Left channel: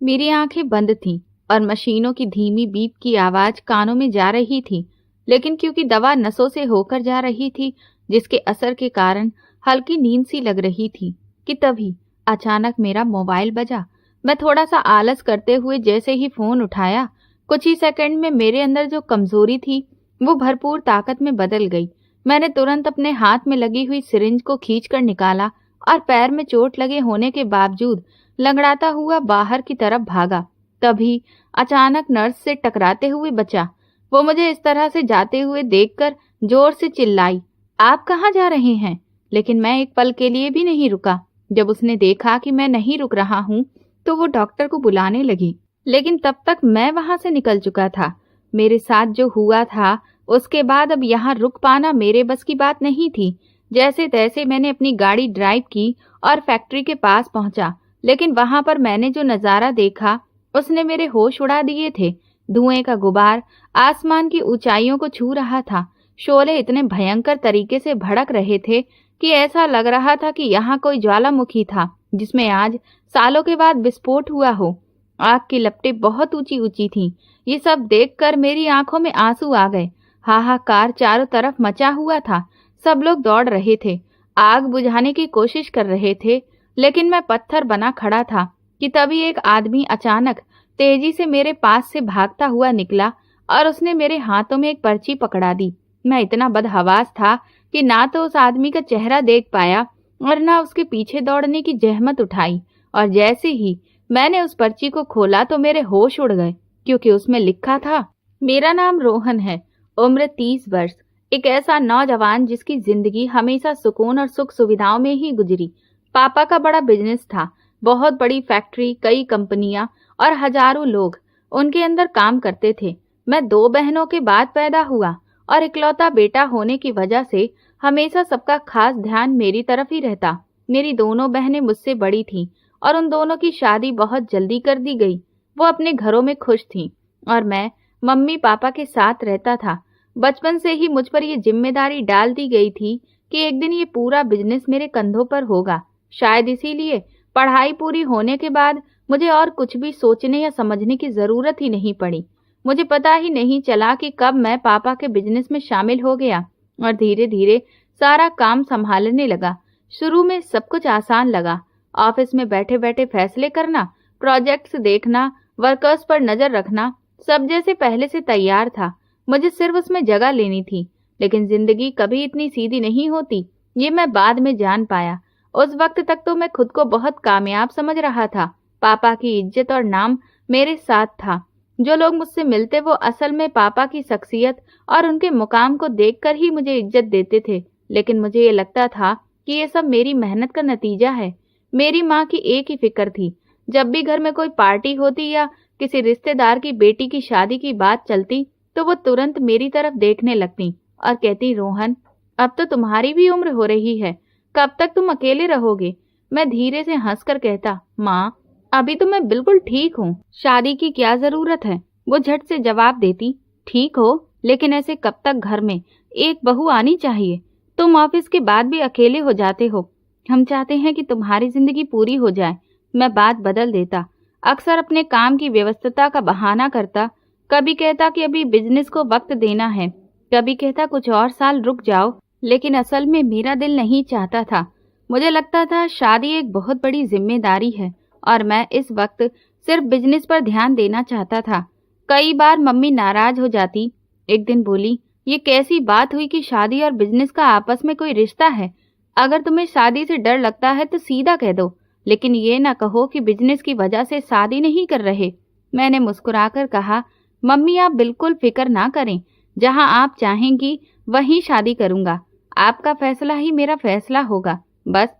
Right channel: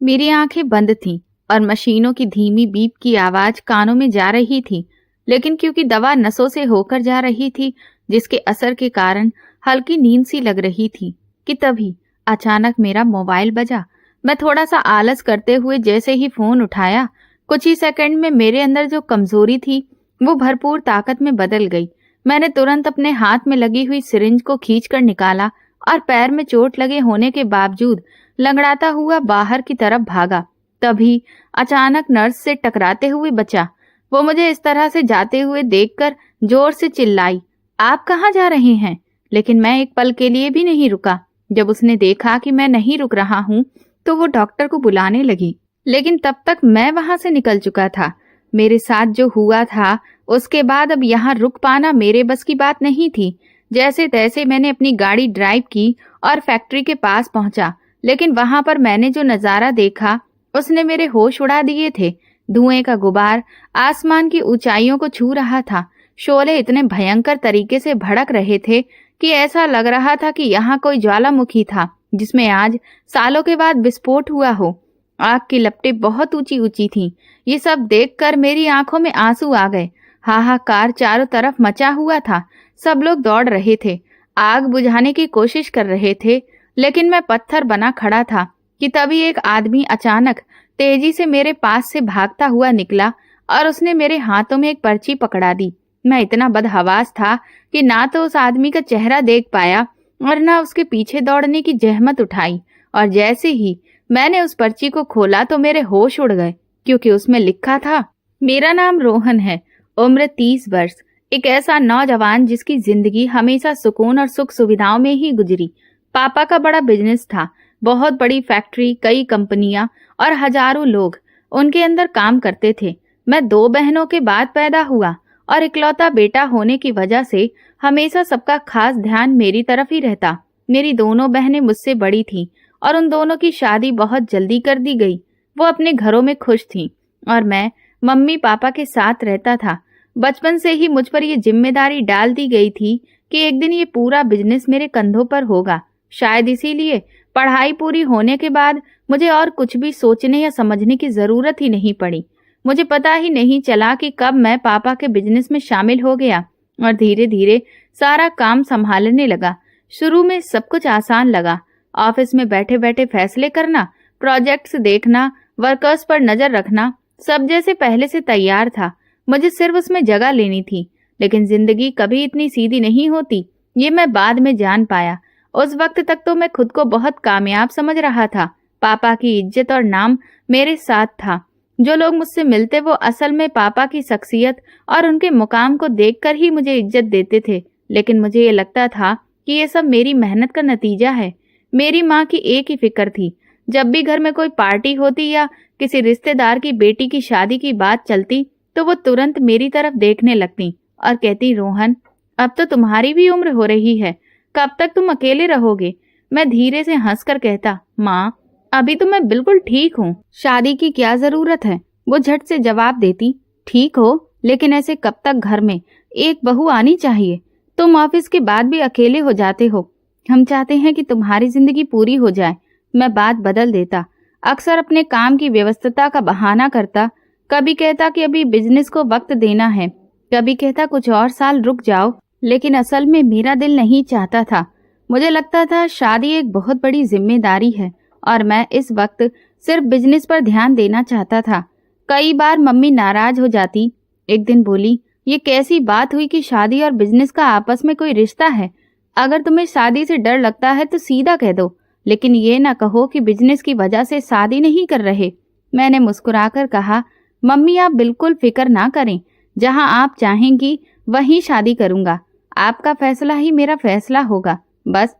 मेरी आंखें बंद थीं और मशीनों की धीमी बीप की आवाज कानों में जा रही थी, लेकिन क्योंकि दवा नसों से होकर जा रही थी, जिसके असर के कारण हल्की नींद सी लग रही थी कि तभी अचानक मेरा मोबाइल बजा। मैं थोड़ा सा आलस करते हुए जैसे ही फोन उठाया, कुछ ही सेकंड में मेरे अंदर जो कमजोरी थी वो भरपूर ताकत में बदल गई। मैंने तुरंत अपने हाथ में लगी हुई सिरिंज को खींचकर निकाला और पैर में चोट लगे होने के बावजूद लंगड़ाता हुआ बाहर की तरफ भागा। तभी अचानक नर्स से टकराते हुए बचा। वो मुझे इस तरह से जाते हुए देखकर जोर से चिल्लाई, आप कहाँ जा रहे हैं? लेकिन मैं एक पल के लिए भी नहीं रुका। जब उसने देखा कि मैं नहीं रुक रहा हूँ तो वो डॉक्टर को बुलाने लगी, लेकिन तब तक मैं वहां से निकल चुका था। मेरे साथ जो हुआ था उसके बाद अब यहाँ रुक पाना मेरे बस की बात नहीं थी। जैसे तैसे मैंने अपनी गाड़ी ड्राइव की और फैक्ट्री के पास पहुंचा, लेकिन वहां पर मैंने जो नजारा देखा उसने मेरे होश उड़ा दिए थे। धुएं का गुबार आसमान की ऊंचाइयों को छू रहा था। शोले इतने भयंकर तरीके से भड़क रहे थे कि ऐसा लग रहा था कि यहाँ कोई ज्वालामुखी था जिसमें आज सालों के बाद विस्फोट हुआ हो। आग की लपटें बहुत ऊंची ऊंची थीं। ये सब देखकर मेरी आंखों में आंसू आ गए। हाहाकार चारों तरफ मचा हुआ था। सब लोग दौड़ रहे थे, आग बुझाने की कोशिश कर रहे थे, लेकिन मैं पत्थर बना खड़ा था कि तभी एक आदमी अचानक तेजी से मेरे पास से भागता हुआ निकला और उसने मेरे हाथों में एक पर्ची पकड़ा दी। मैं इतना बदहवास था कि ना तो उस आदमी का चेहरा देख पाया और ना उसके पीछे दौड़ने की जहमत उठाई। और जैसे ही मैंने उस पर्ची को खोला तो मेरे होश उड़ गए, क्योंकि उसमें लिखा था, मेरा नाम रोहन है, उम्र 30 वर्ष, एक ऐसा नौजवान जिसकी जिंदगी हमेशा सुकून और सुख सुविधाओं में ही गुजरी। पापा का बड़ा बिजनेस था, बहुत बड़ी फैक्ट्री, कई कंपनियां और हजारों लोग उनके अंदर काम करते थे। मैं 2 बहनों के बाद पैदा हुआ और इकलौता बेटा होने की वजह से हमेशा सबका खास ध्यान मेरी तरफ ही रहता। मेरी दोनों बहनें मुझसे बड़ी थीं और उन दोनों की शादी बहुत जल्दी कर दी गई। वो अपने घरों में खुश थीं और मैं मम्मी पापा के साथ रहता था। बचपन से ही मुझ पर ये जिम्मेदारी डाल दी गई थी कि एक दिन ये पूरा बिजनेस मेरे कंधों पर होगा। शायद इसीलिए पढ़ाई पूरी होने के बाद मुझे और कुछ भी सोचने या समझने की जरूरत ही नहीं पड़ी। मुझे पता ही नहीं चला कि कब मैं पापा के बिजनेस में शामिल हो गया और धीरे धीरे सारा काम संभालने लगा। शुरू में सब कुछ आसान लगा। ऑफिस में बैठे बैठे फैसले करना, प्रोजेक्ट्स देखना, वर्कर्स पर नजर रखना, सब जैसे पहले से तैयार था। मुझे सिर्फ उसमें जगह लेनी थी। लेकिन जिंदगी कभी इतनी सीधी नहीं होती, ये मैं बाद में जान पाया। उस वक्त तक तो मैं खुद को बहुत कामयाब समझ रहा था। पापा की इज्जत और नाम मेरे साथ था। जो लोग मुझसे मिलते वो असल में पापा की शख्सियत और उनके मुकाम को देखकर ही मुझे इज्जत देते थे। लेकिन मुझे ये लगता था कि ये सब मेरी मेहनत का नतीजा है। मेरी माँ की एक ही फिक्र थी, जब भी घर में कोई पार्टी होती या किसी रिश्तेदार की बेटी की शादी की बात चलती तो वो तुरंत मेरी तरफ देखने लगती और कहती, रोहन, अब तो तुम्हारी भी उम्र हो रही है, कब तक तुम अकेले रहोगे? मैं धीरे से हंसकर कहता, माँ, अभी तो मैं बिल्कुल ठीक हूँ, शादी की क्या जरूरत है? वो झट से जवाब देती, ठीक हो, लेकिन ऐसे कब तक घर में एक बहू आनी चाहिए? तुम ऑफिस के बाद भी अकेले हो जाते हो। हम चाहते हैं कि तुम्हारी जिंदगी पूरी हो जाए। मैं बात बदल देता, अक्सर अपने काम की व्यस्तता का बहाना करता। कभी कहता कि अभी बिजनेस को वक्त देना है, कभी कहता कुछ और साल रुक जाओ, लेकिन असल में मेरा दिल नहीं चाहता था। मुझे लगता था शादी एक बहुत बड़ी जिम्मेदारी है और मैं इस वक्त सिर्फ बिजनेस पर ध्यान देना चाहता था। कई बार मम्मी नाराज हो जाती। एक दिन बोली, ये कैसी बात हुई कि शादी और बिजनेस का आपस में कोई रिश्ता है? अगर तुम्हें शादी से डर लगता है तो सीधा कह दो, लेकिन ये ना कहो कि बिजनेस की वजह से शादी नहीं कर रहे। मैंने मुस्कुराकर कहा, मम्मी, आप बिल्कुल फिक्र ना करें, जहां आप चाहेंगी वहीं शादी करूंगा। आपका फैसला ही मेरा फैसला होगा, बस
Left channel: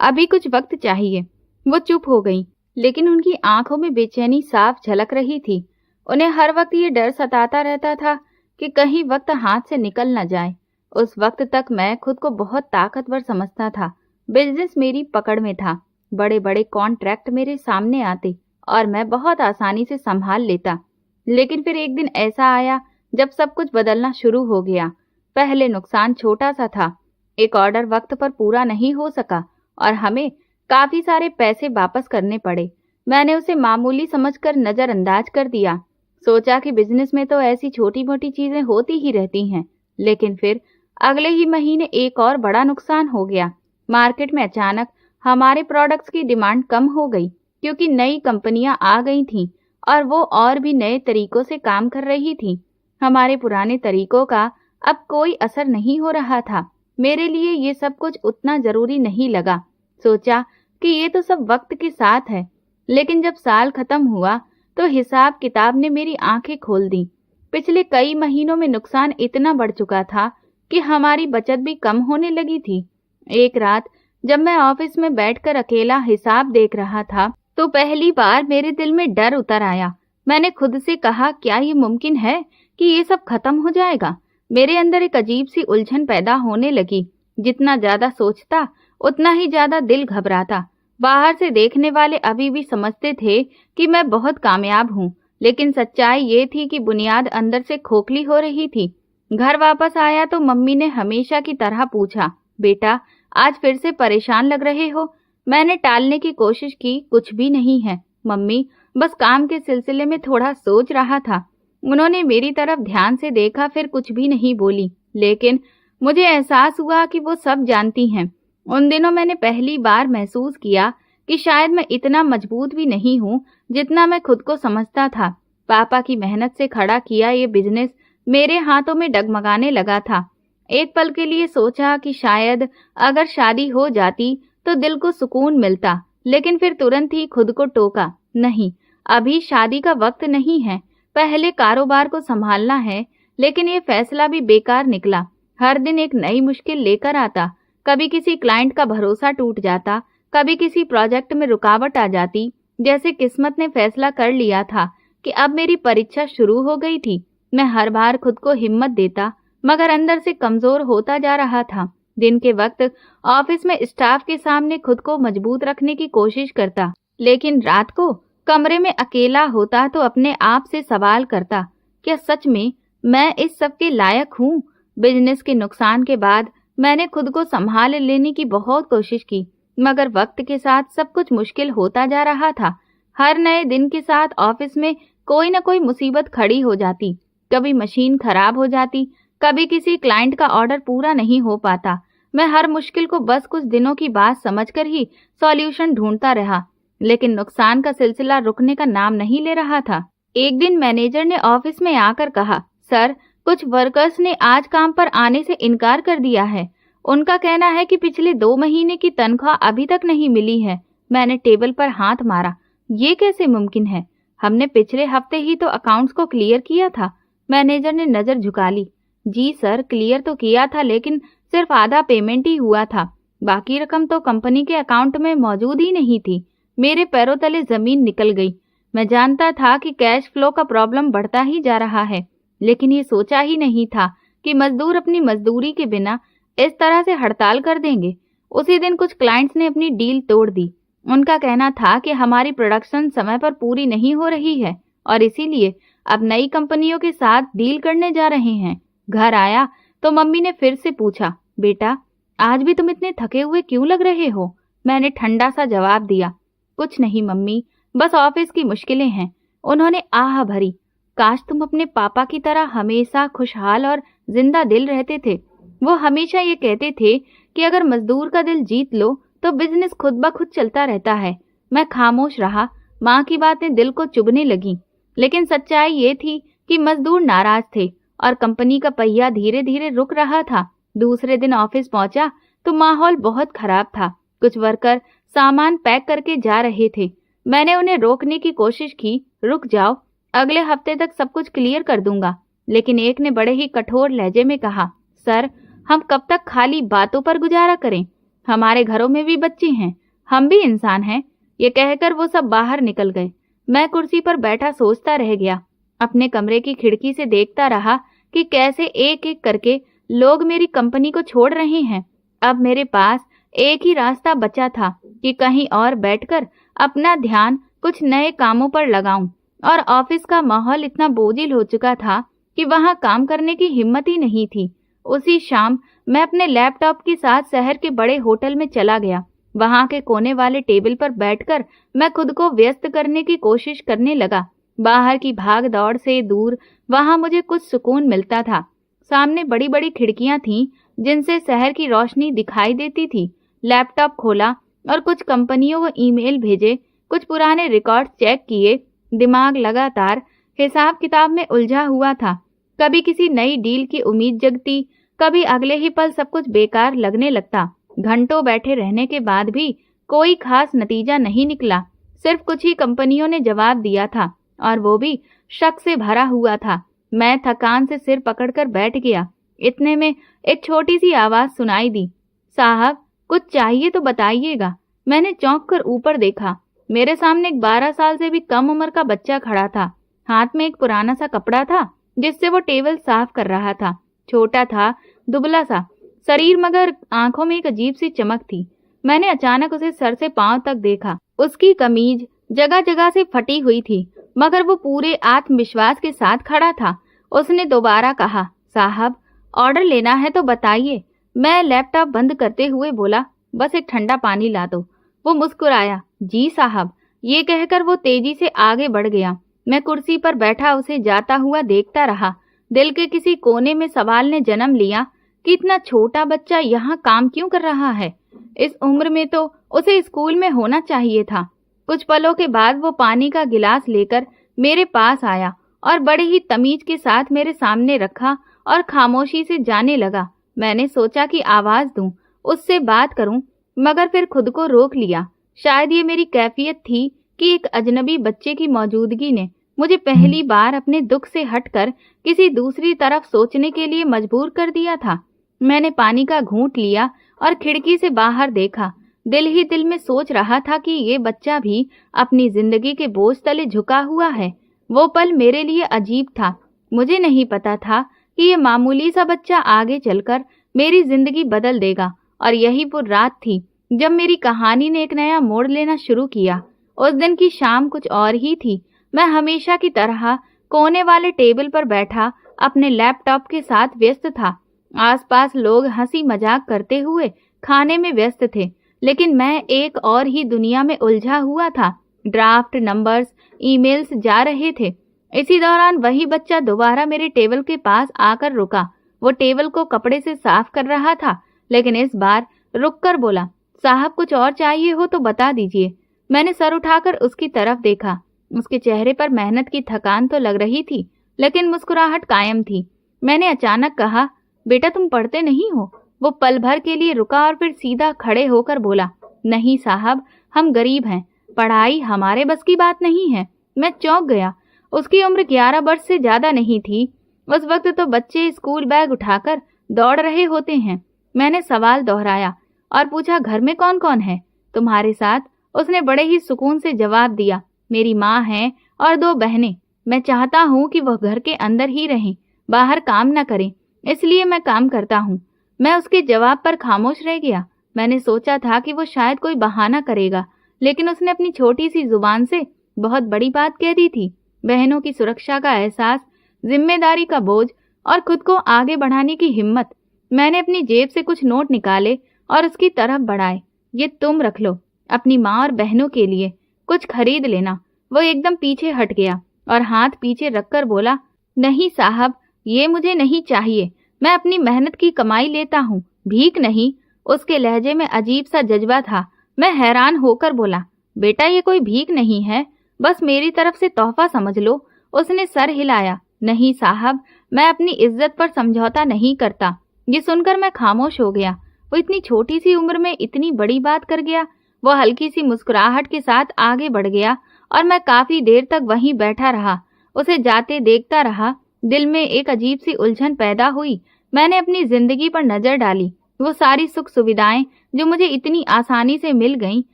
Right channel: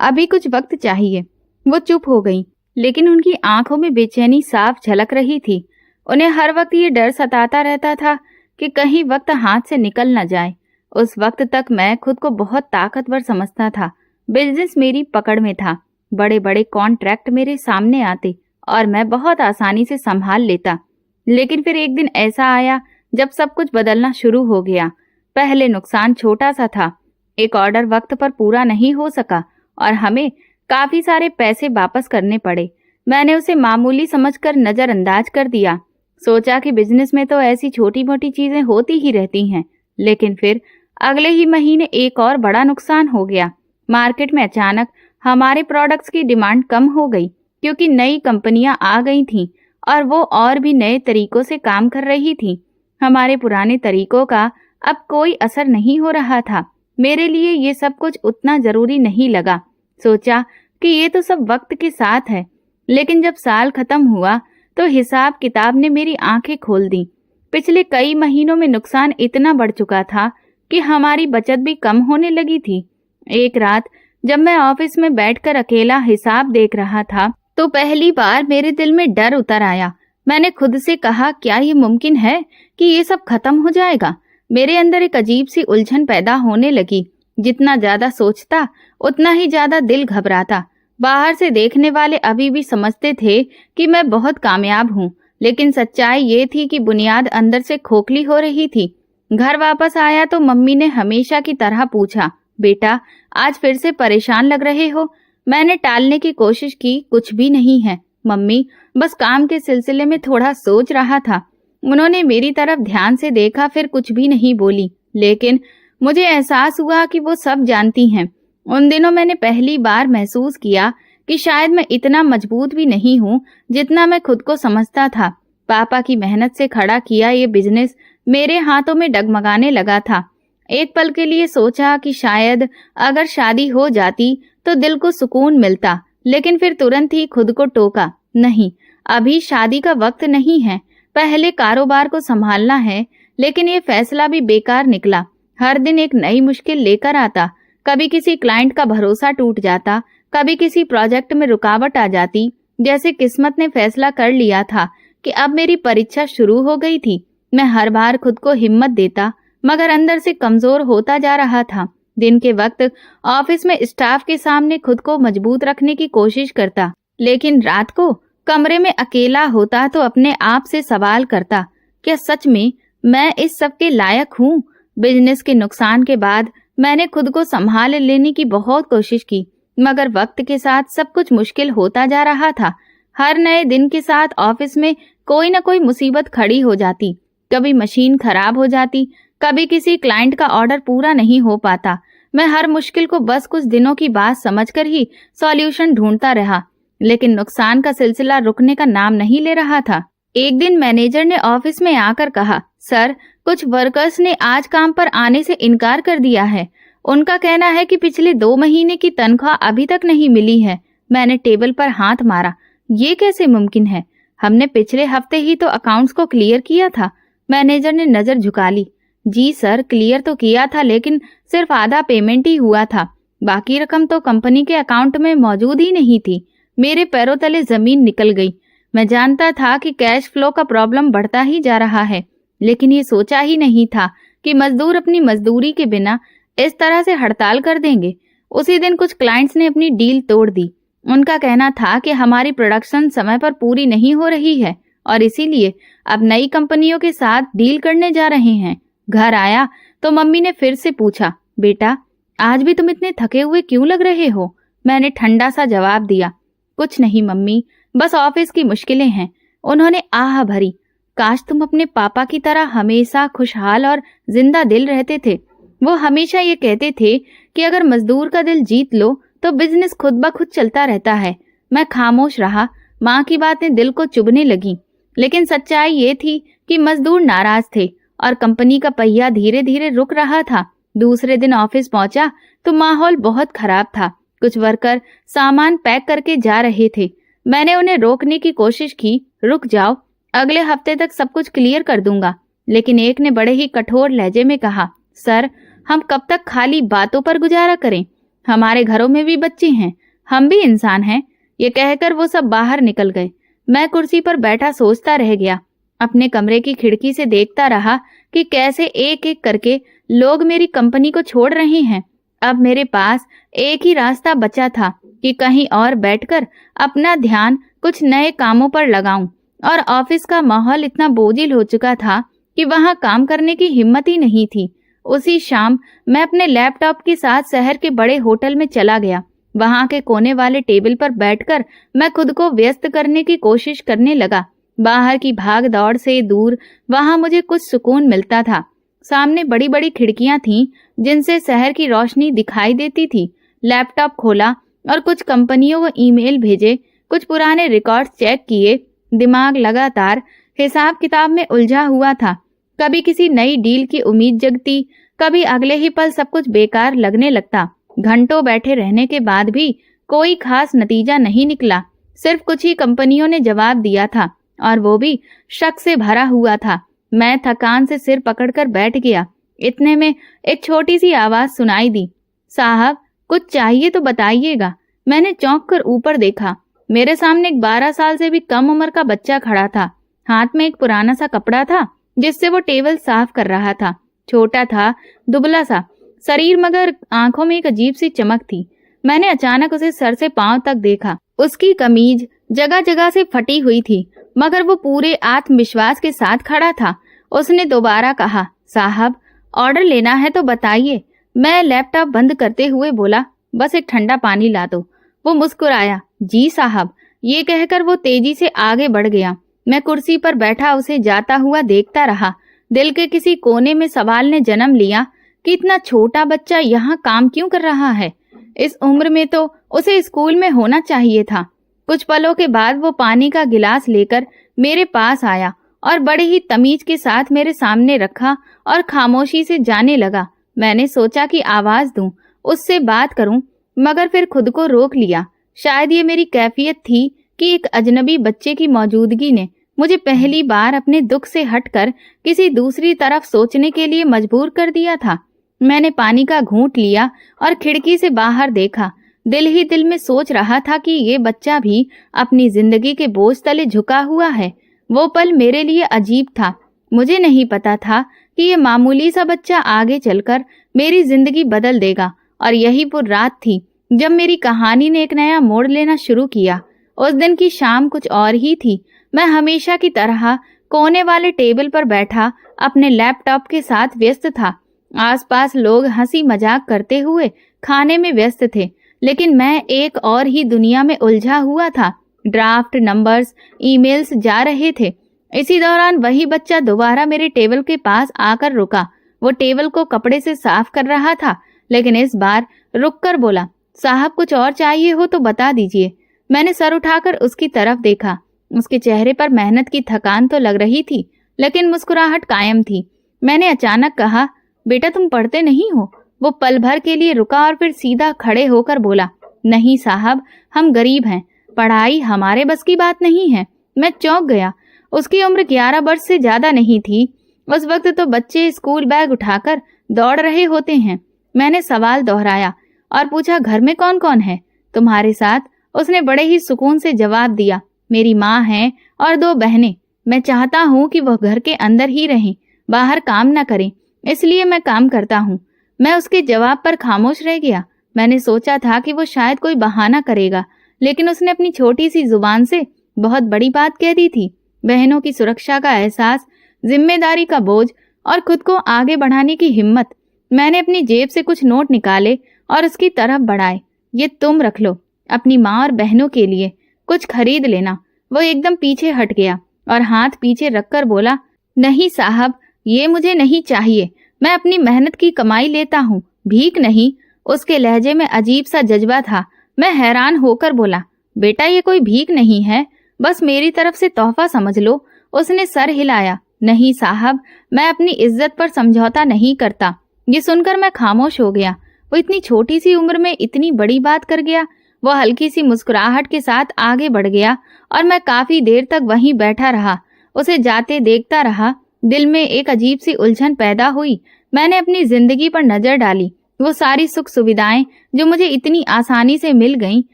अभी कुछ वक्त चाहिए। वो चुप हो गई, लेकिन उनकी आंखों में बेचैनी साफ झलक रही थी। उन्हें हर वक्त ये डर सताता रहता था कि कहीं वक्त हाथ से निकल न जाए। उस वक्त तक मैं खुद को बहुत ताकतवर समझता था। बिजनेस मेरी पकड़ में था, बड़े बड़े कॉन्ट्रैक्ट मेरे सामने आते और मैं बहुत आसानी से संभाल लेता। लेकिन फिर एक दिन ऐसा आया जब सब कुछ बदलना शुरू हो गया। पहले नुकसान छोटा सा था, एक ऑर्डर वक्त पर पूरा नहीं हो सका और हमें काफी सारे पैसे वापस करने पड़े। मैंने उसे मामूली समझकर नजरअंदाज कर दिया। सोचा कि बिजनेस में तो ऐसी छोटी मोटी चीजें होती ही रहती हैं, लेकिन फिर अगले ही महीने एक और बड़ा नुकसान हो गया। मार्केट में अचानक हमारे प्रोडक्ट्स की डिमांड कम हो गई, क्योंकि नई कंपनियां आ गई थीं और वो और भी नए तरीकों से काम कर रही थीं। हमारे पुराने तरीकों का अब कोई असर नहीं हो रहा था। मेरे लिए ये सब कुछ उतना जरूरी नहीं लगा। सोचा कि ये तो सब वक्त के साथ है। लेकिन जब साल खत्म हुआ तो हिसाब किताब ने मेरी आंखें खोल दी। पिछले कई महीनों में नुकसान इतना बढ़ चुका था कि हमारी बचत भी कम होने लगी थी। एक रात जब मैं ऑफिस में बैठकर अकेला हिसाब देख रहा था तो पहली बार मेरे दिल में डर उतर आया। मैंने खुद से कहा, क्या ये मुमकिन है कि ये सब खत्म हो जाएगा? मेरे अंदर एक अजीब सी उलझन पैदा होने लगी। जितना ज्यादा सोचता उतना ही ज्यादा दिल घबराता। बाहर से देखने वाले अभी भी समझते थे कि मैं बहुत कामयाब हूँ, लेकिन सच्चाई ये थी कि बुनियाद अंदर से खोखली हो रही थी। घर वापस आया तो मम्मी ने हमेशा की तरह पूछा, बेटा आज फिर से परेशान लग रहे हो? मैंने टालने की कोशिश की, कुछ भी नहीं है मम्मी, बस काम के सिलसिले में थोड़ा सोच रहा था। उन्होंने मेरी तरफ ध्यान से देखा, फिर कुछ भी नहीं बोली, लेकिन मुझे एहसास हुआ कि वो सब जानती हैं। उन दिनों मैंने पहली बार महसूस किया कि शायद मैं इतना मजबूत भी नहीं हूँ जितना मैं खुद को समझता था। पापा की मेहनत से खड़ा किया ये बिजनेस मेरे हाथों में डगमगाने लगा था। एक पल के लिए सोचा कि शायद अगर शादी हो जाती तो दिल को सुकून मिलता, लेकिन फिर तुरंत ही खुद को टोका, नहीं, अभी शादी का वक्त नहीं है, पहले कारोबार को संभालना है। लेकिन ये फैसला भी बेकार निकला। हर दिन एक नई मुश्किल लेकर आता। कभी किसी क्लाइंट का भरोसा टूट जाता, कभी किसी प्रोजेक्ट में रुकावट आ जाती। जैसे किस्मत ने फैसला कर लिया था कि अब मेरी परीक्षा शुरू हो गई थी। मैं हर बार खुद को हिम्मत देता, मगर अंदर से कमजोर होता जा रहा था। दिन के वक्त ऑफिस में स्टाफ के सामने खुद को मजबूत रखने की कोशिश करता, लेकिन रात को कमरे में अकेला होता तो अपने आप से सवाल करता, क्या सच में मैं इस सब के लायक हूँ? बिजनेस के नुकसान के बाद मैंने खुद को संभाल लेने की बहुत कोशिश की, मगर वक्त के साथ सब कुछ मुश्किल होता जा रहा था। हर नए दिन के साथ ऑफिस में कोई न कोई मुसीबत खड़ी हो जाती। कभी मशीन खराब हो जाती, कभी किसी क्लाइंट का ऑर्डर पूरा नहीं हो पाता। मैं हर मुश्किल को बस कुछ दिनों की बात समझकर ही सॉल्यूशन ढूंढता रहा, लेकिन नुकसान का सिलसिला रुकने का नाम नहीं ले रहा था। एक दिन मैनेजर ने ऑफिस में आकर कहा, सर, कुछ वर्कर्स ने आज काम पर आने से इनकार कर दिया है। उनका कहना है कि पिछले 2 महीने की तनख्वाह अभी तक नहीं मिली है। मैंने टेबल पर हाथ मारा, ये कैसे मुमकिन है? हमने पिछले हफ्ते ही तो अकाउंट्स को क्लियर किया था। मैनेजर ने नजर झुका ली। जी सर, क्लियर तो किया था, लेकिन सिर्फ आधा पेमेंट ही हुआ था। बाकी रकम तो कंपनी के अकाउंट में मौजूद ही नहीं थी। मेरे पैरों तले जमीन निकल गई। मैं जानता था कि कैश फ्लो का प्रॉब्लम बढ़ता ही जा रहा है, लेकिन ये सोचा ही नहीं था कि मजदूर अपनी मजदूरी के बिना इस तरह से हड़ताल कर देंगे। उसी दिन कुछ क्लाइंट्स ने अपनी डील तोड़ दी। उनका कहना था कि हमारी प्रोडक्शन समय पर पूरी नहीं हो रही है और इसीलिए अब नई कंपनियों के साथ डील करने जा रहे हैं। घर आया तो मम्मी ने फिर से पूछा, बेटा आज भी तुम इतने थके हुए क्यों लग रहे हो? मैंने ठंडा सा जवाब दिया, कुछ नहीं मम्मी, बस ऑफिस की मुश्किलें हैं। उन्होंने आह भरी, काश तुम अपने पापा की तरह हमेशा खुशहाल और जिंदा दिल रहते थे। वो हमेशा ये कहते थे कि अगर मजदूर का दिल जीत लो तो बिजनेस खुद ब खुद चलता रहता है। मैं खामोश रहा। माँ की बातें दिल को चुभने लगी, लेकिन सच्चाई ये थी कि मजदूर नाराज थे और कंपनी का पहिया धीरे धीरे रुक रहा था। दूसरे दिन ऑफिस पहुंचा तो माहौल बहुत खराब था। कुछ वर्कर सामान पैक करके जा रहे थे। मैंने उन्हें रोकने की कोशिश की, रुक जाओ, अगले हफ्ते तक सब कुछ क्लियर कर दूंगा। लेकिन एक ने बड़े ही कठोर लहजे में कहा, सर, हम कब तक खाली बातों पर गुजारा करें? हमारे घरों में भी बच्चे हैं, हम भी इंसान हैं। ये कहकर वो सब बाहर निकल गए। मैं कुर्सी पर बैठा सोचता रह गया। अपने कमरे की खिड़की से देखता रहा कि कैसे एक एक करके लोग मेरी कंपनी को छोड़ रहे हैं। अब मेरे पास एक ही रास्ता बचा था कि कहीं और बैठकर अपना ध्यान कुछ नए कामों पर लगाऊं, और ऑफिस का माहौल इतना बोझिल हो चुका था कि वहां काम करने की हिम्मत ही नहीं थी। उसी शाम मैं अपने लैपटॉप के साथ शहर के बड़े होटल में चला गया। वहां के कोने वाले टेबल पर बैठकर मैं खुद को व्यस्त करने की कोशिश करने लगा। बाहर की भाग दौड़ से दूर वहां मुझे कुछ सुकून मिलता था। सामने बड़ी बड़ी खिड़कियां थीं जिनसे शहर की रोशनी दिखाई देती थी। लैपटॉप खोला और कुछ कंपनियों को ईमेल भेजे, कुछ पुराने रिकॉर्ड चेक किए। दिमाग लगातार हिसाब किताब में उलझा हुआ था। कभी किसी नई डील की उम्मीद जगती, कभी अगले ही पल सब कुछ बेकार लगने लगता। घंटों बैठे रहने के बाद भी कोई खास नतीजा नहीं निकला। सिर्फ कुछ ही कंपनियों ने जवाब दिया था और वो भी शक से भरा हुआ था। मैं थकान से सिर पकड़कर बैठ गया। इतने में एक छोटी सी आवाज सुनाई दी, साहब कुछ चाहिए तो बताइएगा। मैंने चौंक कर ऊपर देखा। मेरे सामने एक 12 साल से भी कम उम्र का बच्चा खड़ा था। हाथ में एक पुराना सा कपड़ा था जिससे वो टेबल साफ कर रहा था। छोटा था, दुबला सा शरीर, मगर आंखों में एक अजीब सी चमक थी। मैंने अचानक उसे सर से पांव तक देखा। उसकी कमीज जगह जगह से फटी हुई थी, मगर वो पूरे आत्मविश्वास के साथ खड़ा था। उसने दोबारा कहा, साहब ऑर्डर लेना है तो बताइए। मैं लैपटॉप बंद करते हुए बोला, बस एक ठंडा पानी ला दो। वो मुस्कुराया, जी साहब। ये कहकर वो तेजी से आगे बढ़ गया। मैं कुर्सी पर बैठा उसे जाता हुआ देखता रहा। दिल के किसी कोने में सवाल ने जन्म लिया कि इतना छोटा बच्चा यहाँ काम क्यों कर रहा है। इस उम्र में तो उसे स्कूल में होना चाहिए था। कुछ पलों के बाद वो पानी का गिलास लेकर मेरे पास आया और बड़े ही तमीज के साथ मेरे सामने रखा और खामोशी से जाने लगा। मैंने सोचा कि आवाज दूं, उससे बात करूं, मगर फिर खुद को रोक लिया। शायद ये मेरी कैफियत थी कि एक अजनबी बच्चे की मौजूदगी ने मुझे पहली बार अपने दुख से हटकर किसी दूसरी तरफ सोचने के लिए मजबूर कर दिया था। मैंने पानी का घूंट लिया और खिड़की से बाहर देखा। दिल ही दिल में सोच रहा था कि ये बच्चा भी अपनी जिंदगी के बोझ तले झुका हुआ है। वो पल मेरे लिए अजीब था। मुझे नहीं पता था कि ये मामूली सा बच्चा आगे चलकर मेरी जिंदगी बदल देगा। और यही वो रात थी जब मेरी कहानी ने एक नया मोड़ लेना शुरू किया। उस दिन की शाम कुछ और ही थी। मैं हमेशा की तरह कोने वाले टेबल पर बैठा अपने लैपटॉप के साथ व्यस्त था। आसपास लोग हंसी मजाक करते हुए खाने में व्यस्त थे, लेकिन मैं एक और ही दुनिया में उलझा हुआ था। ड्राफ्ट, नंबर्स, ईमेल्स जा रहे थे। इसी दौरान वही बच्चा दोबारा मेरे टेबल के पास आकर रुका। वो टेबल को कपड़े से साफ कर रहा था, लेकिन इस बार रुककर बोला, साहब कुछ और चाहिए हो तो बता दीजिए। मैंने सर उठाकर उसकी तरफ देखा। उसके चेहरे पर मेहनत की थकान तो लग रही थी, लेकिन मुस्कुराहट कायम थी। मैंने अचानक कहा, बेटा तुम पढ़ते नहीं हो? वो पल भर के लिए रुका और फिर सीधा खड़े होकर बोला, नहीं साहब, हम गरीब हैं, पढ़ाई हमारे बस की बात नहीं है। मैं चौंक गया। उसकी उम्र 11 वर्ष से ज्यादा नहीं थी। उस वक्त तो बच्चे स्कूल बैग उठाकर दौड़ रहे होते हैं। मैंने सवाल दोहराया और पूछा, घर में कौन कौन है तुम्हारे साथ? उसने बड़े ही सुकून से जवाब दिया, मेरी माँ है और 2 बहनें। मैं चाहता हूँ कि वह घर के अंदर ही रहें, बाहर काम न करें, इसलिए मैं काम करता हूँ। मैं उसके जवाब पर खामोश रह गया। मैंने सोचा था कि वो शायद कोई बहाना करेगा, लेकिन उसने अपनी छोटी सी जुबान से बहुत बड़ी बात कह दी थी। बहनों की सुरक्षा का एहसास, जिम्मेदारी का बोझ और खुद को आगे बढ़ाने की हिम्मत। मैंने अपनी जेब से कुछ नोट निकाले और उसकी तरफ बढ़ाए। ये तुम रख लो, अपनी माँ और बहनों के लिए कुछ खरीद लेना। वो एकदम पीछे हट गया और हाथ पीछे रखकर बोला, नहीं साहब, ये मुझे नहीं चाहिए। मैं अपनी मेहनत की कमाई लेता हूँ, भीख नहीं। उसके लहजे में अजीब सा जज्बा था। मैं हैरान होकर बोला, बेटा ये कोई भीख नहीं है, बस मेरी तरफ से तोहफा समझ लो। उसने सर हिलाया, नहीं साहब, मैं अपनी इज्जत पर समझौता नहीं करता। ये सुनकर मैं खामोश हो गया। वो इतनी छोटी सी उम्र में इतनी बड़ी बात कर गया। वो हल्की सी मुस्कुराहट के साथ आगे बढ़ गया और मैं काफी देर तक वहीं बैठा रहा। उसे जाते देखता रहा। दिल में एक अजीब सी उलझन पैदा हुई। मैंने अपनी जिंदगी पर नजर डाली। वो सारी सुख सुविधाएं जो मुझे इतनी आसानी से मिल गईं,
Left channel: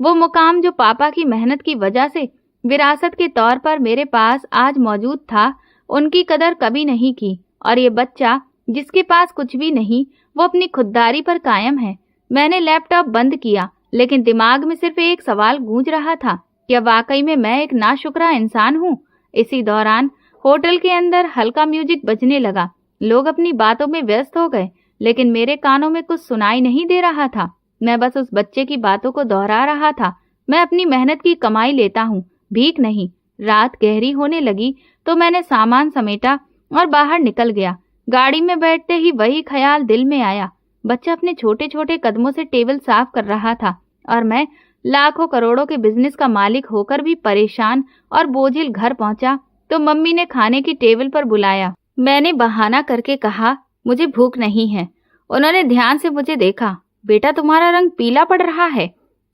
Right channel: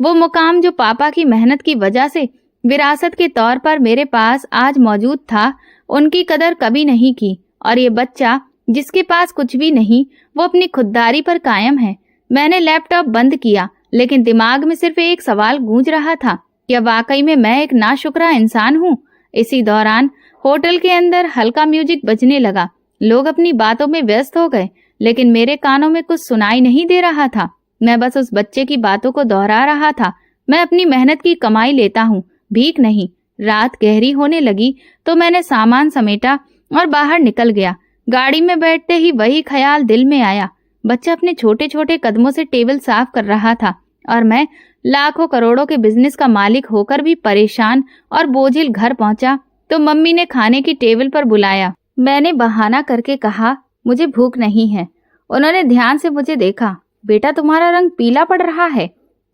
वो मुकाम जो पापा की मेहनत की वजह से विरासत के तौर पर मेरे पास आज मौजूद था, उनकी कदर कभी नहीं की। और ये बच्चा जिसके पास कुछ भी नहीं, वो अपनी खुददारी पर कायम है। मैंने लैपटॉप बंद किया, लेकिन दिमाग में सिर्फ एक सवाल गूंज रहा था, क्या वाकई में मैं एक नाशुक्रा इंसान हूँ? इसी दौरान होटल के अंदर हल्का म्यूजिक बजने लगा। लोग अपनी बातों में व्यस्त हो गए, लेकिन मेरे कानों में कुछ सुनाई नहीं दे रहा था। मैं बस उस बच्चे की बातों को दोहरा रहा था। मैं अपनी मेहनत की कमाई लेता हूँ, भीख नहीं। रात गहरी होने लगी तो मैंने सामान समेटा और बाहर निकल गया। गाड़ी में बैठते ही वही ख्याल दिल में आया। बच्चा अपने छोटे छोटे कदमों से टेबल साफ कर रहा था और मैं लाखों करोड़ों के बिजनेस का मालिक होकर भी परेशान और बोझिल घर पहुंचा तो मम्मी ने खाने की टेबल पर बुलाया। मैंने बहाना करके कहा, मुझे भूख नहीं है। उन्होंने ध्यान से मुझे देखा। बेटा, तुम्हारा रंग पीला पड़ रहा है,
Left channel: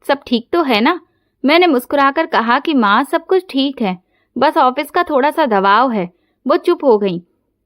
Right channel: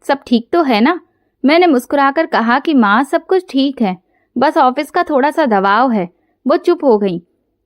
सब ठीक तो है ना? मैंने मुस्कुराकर कहा कि माँ, सब कुछ ठीक है, बस ऑफिस का थोड़ा सा दबाव है। वो चुप हो गई,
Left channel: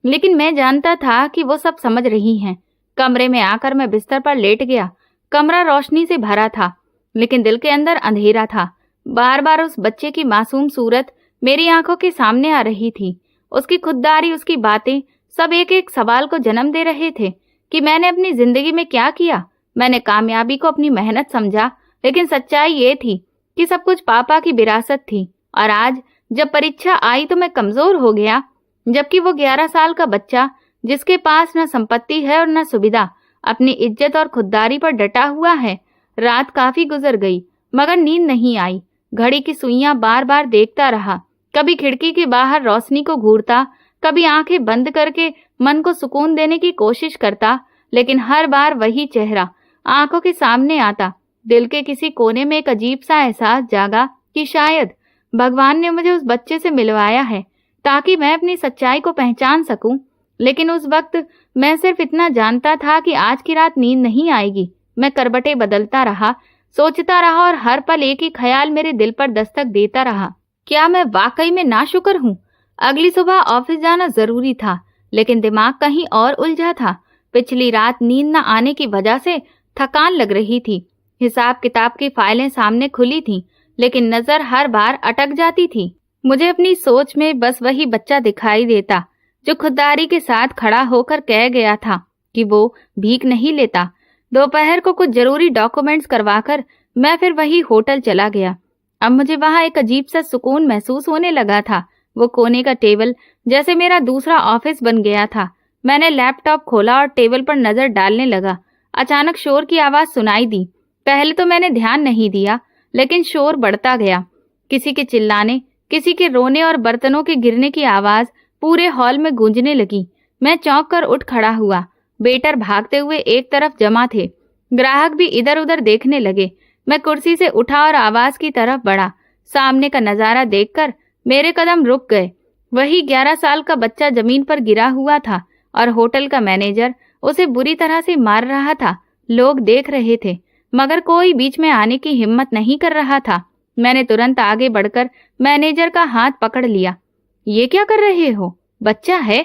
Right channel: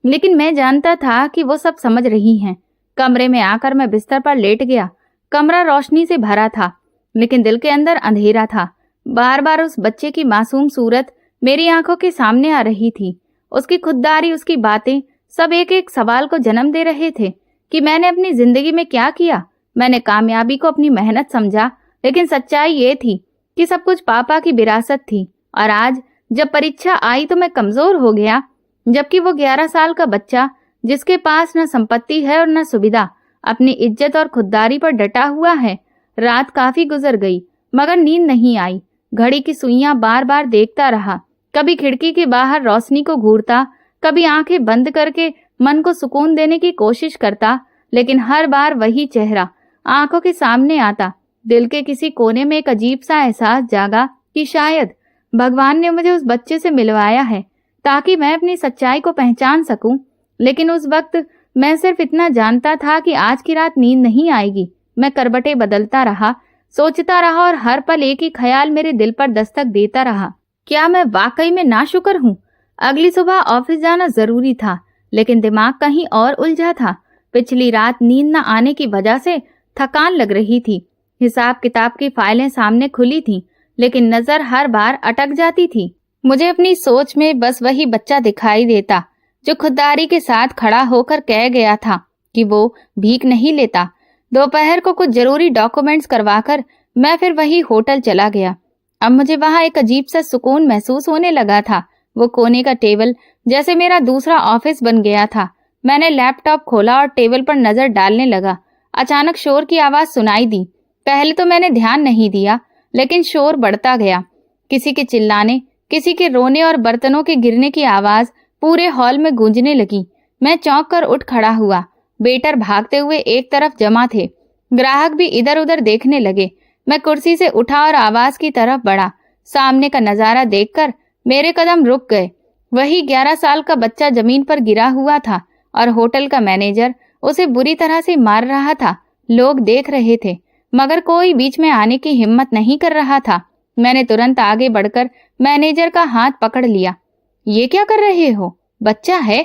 लेकिन मैं जानता था कि वो सब समझ रही हैं। कमरे में आकर मैं बिस्तर पर लेट गया। कमरा रोशनी से भरा था, लेकिन दिल के अंदर अंधेरा था। बार बार उस बच्चे की मासूम सूरत मेरी आंखों के सामने आ रही थी। उसकी खुददारी, उसकी बातें, सब एक एक सवाल को जन्म दे रहे थे कि मैंने अपनी जिंदगी में क्या किया। मैंने कामयाबी को अपनी मेहनत समझा, लेकिन सच्चाई ये थी कि सब कुछ पापा की विरासत थी। और आज जब परीक्षा आई तो मैं कमजोर हो गया, जबकि वो 11 साल का बच्चा, जिसके पास न संपत्ति है और न सुविधा, अपनी इज्जत और खुददारी पर डटा हुआ है। रात काफी गुजर गई, मगर नींद नहीं आई। घड़ी की सुइयां बार बार देखता रहा, कभी खिड़की के बाहर रोशनी को घूरता, कभी आंखें बंद करके मन को सुकून देने की कोशिश करता, लेकिन हर बार वही चेहरा आंखों के सामने आता। दिल के किसी कोने में एक अजीब सा एहसास जागा कि शायद भगवान ने मुझे उस बच्चे से मिलवाया है ताकि मैं अपनी सच्चाई को पहचान सकूं। लेकिन उस वक्त मैं सिर्फ इतना जानता था कि आज की रात नींद नहीं आएगी। मैं करवटें बदलता रहा, सोचता रहा, और हर पल एक ही ख्याल मेरे दिल पर दस्तक देता रहा, क्या मैं वाकई में नाशुक्र हूँ? अगली सुबह ऑफिस जाना जरूरी था, लेकिन दिमाग कहीं और उलझा था। पिछली रात नींद न आने की वजह से थकान लग रही थी। हिसाब किताब की फाइलें सामने खुली थीं, लेकिन नजर हर बार अटक जाती थी। मुझे अपनी सोच में बस वही बच्चा दिखाई देता जो खुददारी के साथ खड़ा होकर कह गया था कि वो भीख नहीं लेता। दोपहर को कुछ जरूरी डॉक्यूमेंट्स करवाकर मैं फिर वही होटल चला गया। अब मुझे वहां एक अजीब सा सुकून महसूस होने लगा था। वो कोने का टेबल जैसे मेरा दूसरा ऑफिस बन गया था। मैंने लैपटॉप खोला और टेबल पर नजर डालने लगा। अचानक शोर की आवाज सुनाई दी। पहले तो मैंने ध्यान नहीं दिया, लेकिन शोर बढ़ता गया। किसी के चिल्लाने, किसी के रोने और बर्तनों के गिरने की आवाज पूरे हॉल में गूंजने लगी। मैं चौंक कर उठ खड़ा हुआ। वेटर भागते हुए एक तरफ जमा थे, ग्राहक भी इधर उधर देखने लगे। मैं कुर्सी से उठा और आवाज की तरफ बढ़ा। सामने का नजारा देखकर मेरे कदम रुक गए। वही 11 साल का बच्चा जमीन पर गिरा हुआ था और होटल का मैनेजर उसे बुरी तरह से मार रहा था। लोग देख रहे थे, मगर कोई बीच में आने की हिम्मत नहीं कर रहा था। मैंने तुरंत आगे बढ़कर मैनेजर का हाथ पकड़ लिया। ये क्या कर रहे हो? बच्चा है।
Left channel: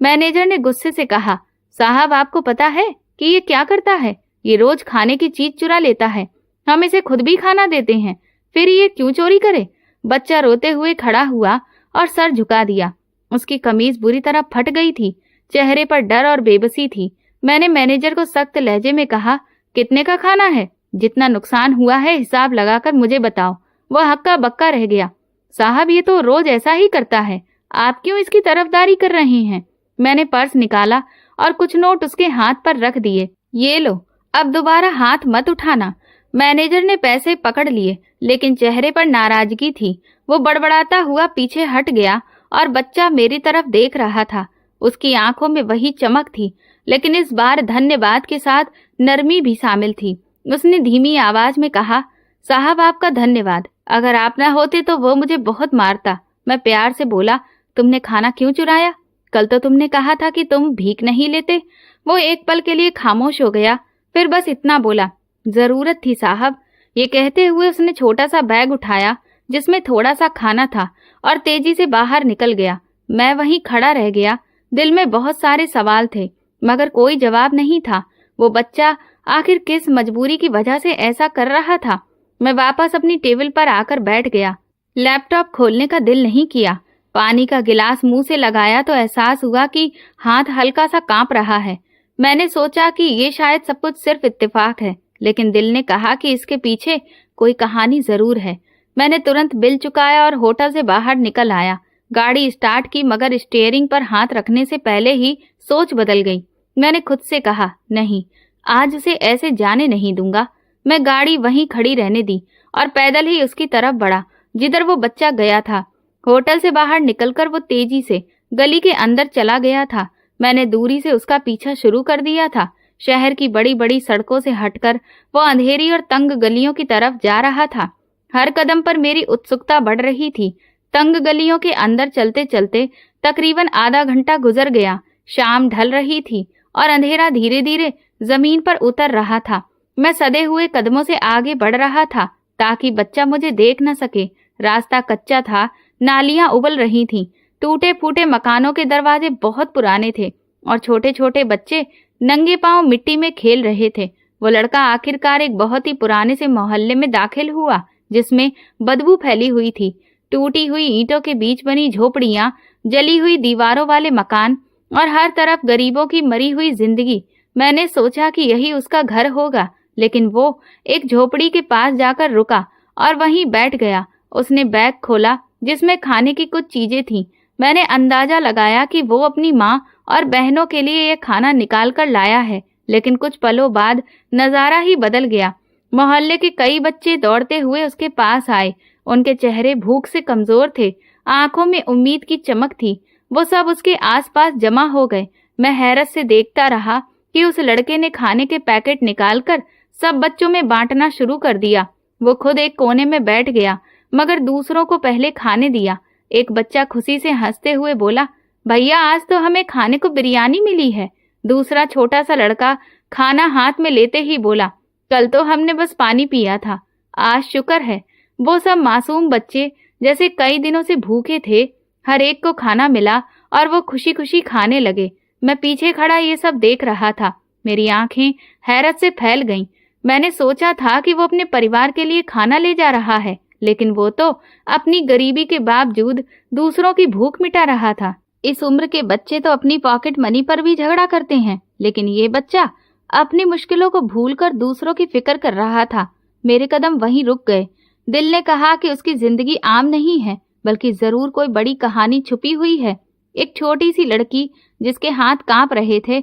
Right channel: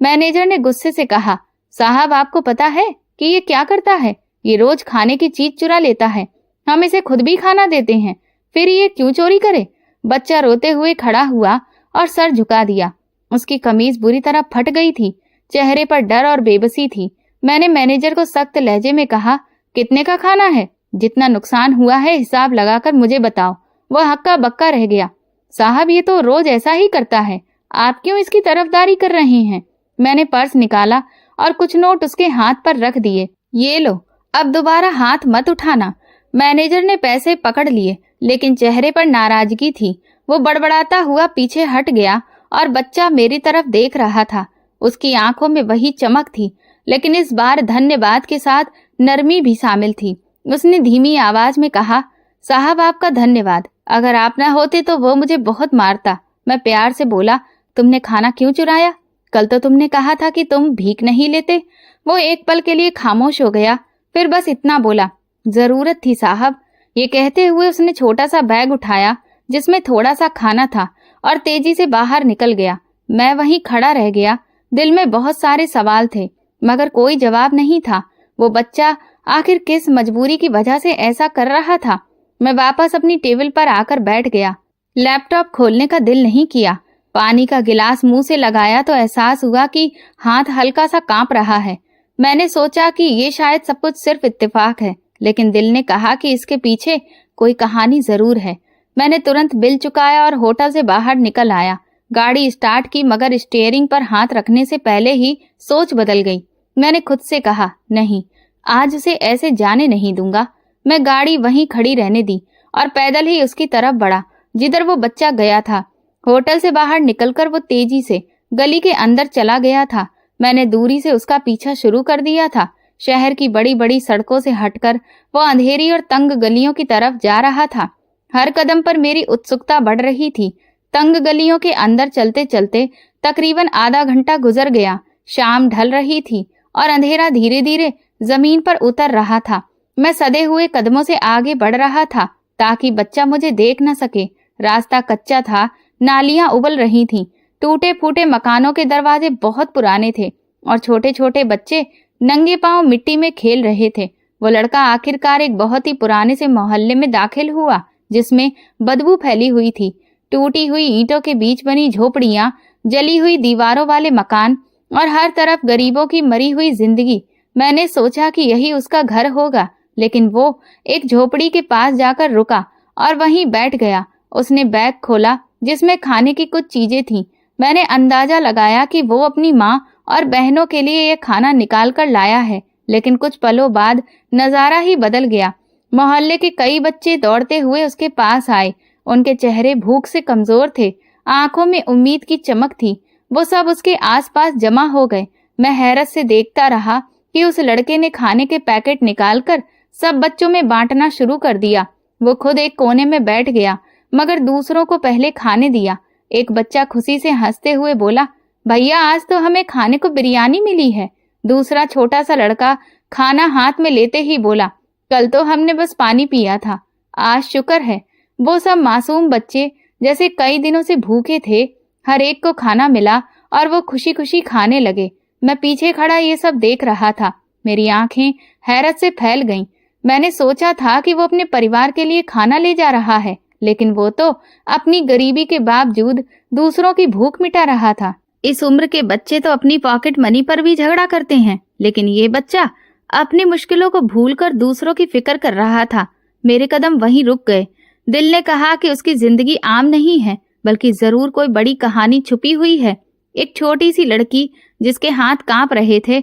मैनेजर ने गुस्से से कहा। साहब, आपको पता है कि ये क्या करता है? ये रोज खाने की चीज चुरा लेता है। हम इसे खुद भी खाना देते हैं, फिर ये क्यों चोरी करे? बच्चा रोते हुए खड़ा हुआ और सर झुका दिया। उसकी कमीज बुरी तरह फट गई थी, चेहरे पर डर और बेबसी थी। मैंने मैनेजर को सख्त लहजे में कहा, कितने का खाना है? जितना नुकसान हुआ है हिसाब लगाकर मुझे बताओ। वह हक्का बक्का रह गया। साहब, ये तो रोज ऐसा ही करता है, आप क्यों इसकी तरफदारी कर रहे हैं? मैंने पर्स निकाला और कुछ नोट उसके हाथ पर रख दिए। ये लो, अब दोबारा हाथ मत उठाना। मैनेजर ने पैसे पकड़ लिए, लेकिन चेहरे पर नाराजगी थी। वो बड़बड़ाता हुआ पीछे हट गया और बच्चा मेरी तरफ देख रहा था। उसकी आंखों में वही चमक थी, लेकिन इस बार धन्यवाद के साथ नरमी भी शामिल थी। उसने धीमी आवाज में कहा, साहब, आपका धन्यवाद। अगर आप न होते तो वो मुझे बहुत मारता। मैं प्यार से बोला, तुमने खाना क्यों चुराया? कल तो तुमने कहा था कि तुम भीख नहीं लेते। वो एक पल के लिए खामोश हो गया, फिर बस इतना बोला, जरूरत थी साहब। ये कहते हुए उसने छोटा सा बैग उठाया जिसमें थोड़ा सा खाना था और तेजी से बाहर निकल गया। मैं वहीं खड़ा रह गया। दिल में बहुत सारे सवाल थे, मगर कोई जवाब नहीं था। वो बच्चा आखिर किस मजबूरी की वजह से ऐसा कर रहा था? मैं वापस अपनी टेबल पर आकर बैठ गया। लैपटॉप खोलने का दिल नहीं किया। पानी का गिलास मुंह से लगाया तो एहसास हुआ कि हाथ हल्का सा कांप रहा है। मैंने सोचा कि ये शायद सब कुछ सिर्फ इत्तेफाक है, लेकिन दिल ने कहा कि इसके पीछे कोई कहानी जरूर है। मैंने तुरंत बिल चुकाया और होटल से बाहर निकल आया। गाड़ी स्टार्ट की, मगर स्टीयरिंग पर हाथ रखने से पहले ही सोच बदल गई। मैंने खुद से कहा, नहीं, आज उसे ऐसे जाने नहीं दूंगा। मैं गाड़ी वहीं खड़ी रहने दी और पैदल ही उसकी तरफ बढ़ा जिधर वो बच्चा गया था। होटल से बाहर निकलकर वो तेजी से गली के अंदर चला गया था। मैंने दूरी से उसका पीछा शुरू कर दिया था। शहर की बड़ी बड़ी सड़कों से हटकर वो अंधेरी और तंग गलियों की तरफ जा रहा था। हर कदम पर मेरी उत्सुकता बढ़ रही थी। तंग गलियों के अंदर चलते चलते तकरीबन आधा घंटा गुजर गया। शाम ढल रही थी और अंधेरा धीरे धीरे जमीन पर उतर रहा था। मैं सधे हुए कदमों से आगे बढ़ रहा था ताकि बच्चा मुझे देख न सके। रास्ता कच्चा था, नालियां उबल रही थीं, टूटे फूटे मकानों के दरवाजे बहुत पुराने थे और छोटे छोटे बच्चे नंगे पांव मिट्टी में खेल रहे थे। वो लड़का आखिरकार एक बहुत ही पुराने से मोहल्ले में दाखिल हुआ जिसमें बदबू फैली हुई थी। टूटी हुई ईंटों के बीच बनी झोपड़ियां, जली हुई दीवारों वाले मकान और हर तरफ गरीबों की मरी हुई जिंदगी। मैंने सोचा कि यही उसका घर होगा, लेकिन वो एक झोपड़ी के पास जाकर रुका और वहीं बैठ गया। उसने बैग खोला जिसमें खाने की कुछ चीजें थीं। मैंने अंदाजा लगाया कि वो अपनी माँ और बहनों के लिए ये खाना निकाल कर लाया है, लेकिन कुछ पलों बाद नजारा ही बदल गया। मोहल्ले के कई बच्चे दौड़ते हुए उसके पास आए। उनके चेहरे भूख से कमजोर थे, आंखों में उम्मीद की चमक थी। वो सब उसके आसपास जमा हो गए। मैं हैरत से देखता रहा कि उस लड़के ने खाने के पैकेट निकालकर सब बच्चों में बांटना शुरू कर दिया। वो खुद एक कोने में बैठ गया मगर दूसरों को पहले खाने दिया। एक बच्चा खुशी से हंसते हुए बोला, भैया आज तो हमें खाने को बिरयानी मिली है। दूसरा छोटा सा लड़का खाना हाथ में लेते ही बोला, कल तो हमने बस पानी पिया था, आज शुक्र है। वो सब मासूम बच्चे जैसे कई दिनों से भूखे थे। हर एक को खाना मिला और वो खुशी खुशी खाने लगे। मैं पीछे खड़ा ये सब देख रहा था। मेरी आंखें हैरत से फैल गईं। मैंने सोचा था कि वो अपने परिवार के लिए खाना ले जा रहा है, लेकिन वो तो अपनी गरीबी के बावजूद दूसरों की भूख मिटा रहा था। इस उम्र के बच्चे तो अपनी पॉकेट मनी पर भी झगड़ा करते हैं, लेकिन ये बच्चा अपनी मुश्किलों को भूलकर दूसरों की फिक्र कर रहा था। मेरे कदम वहीं रुक गए। दिल ने कहा कि उसकी जिंदगी आम नहीं है, बल्कि जरूर कोई बड़ी कहानी छुपी हुई है। एक छोटी सी लड़की जिसके हाथ कांप रहे थे,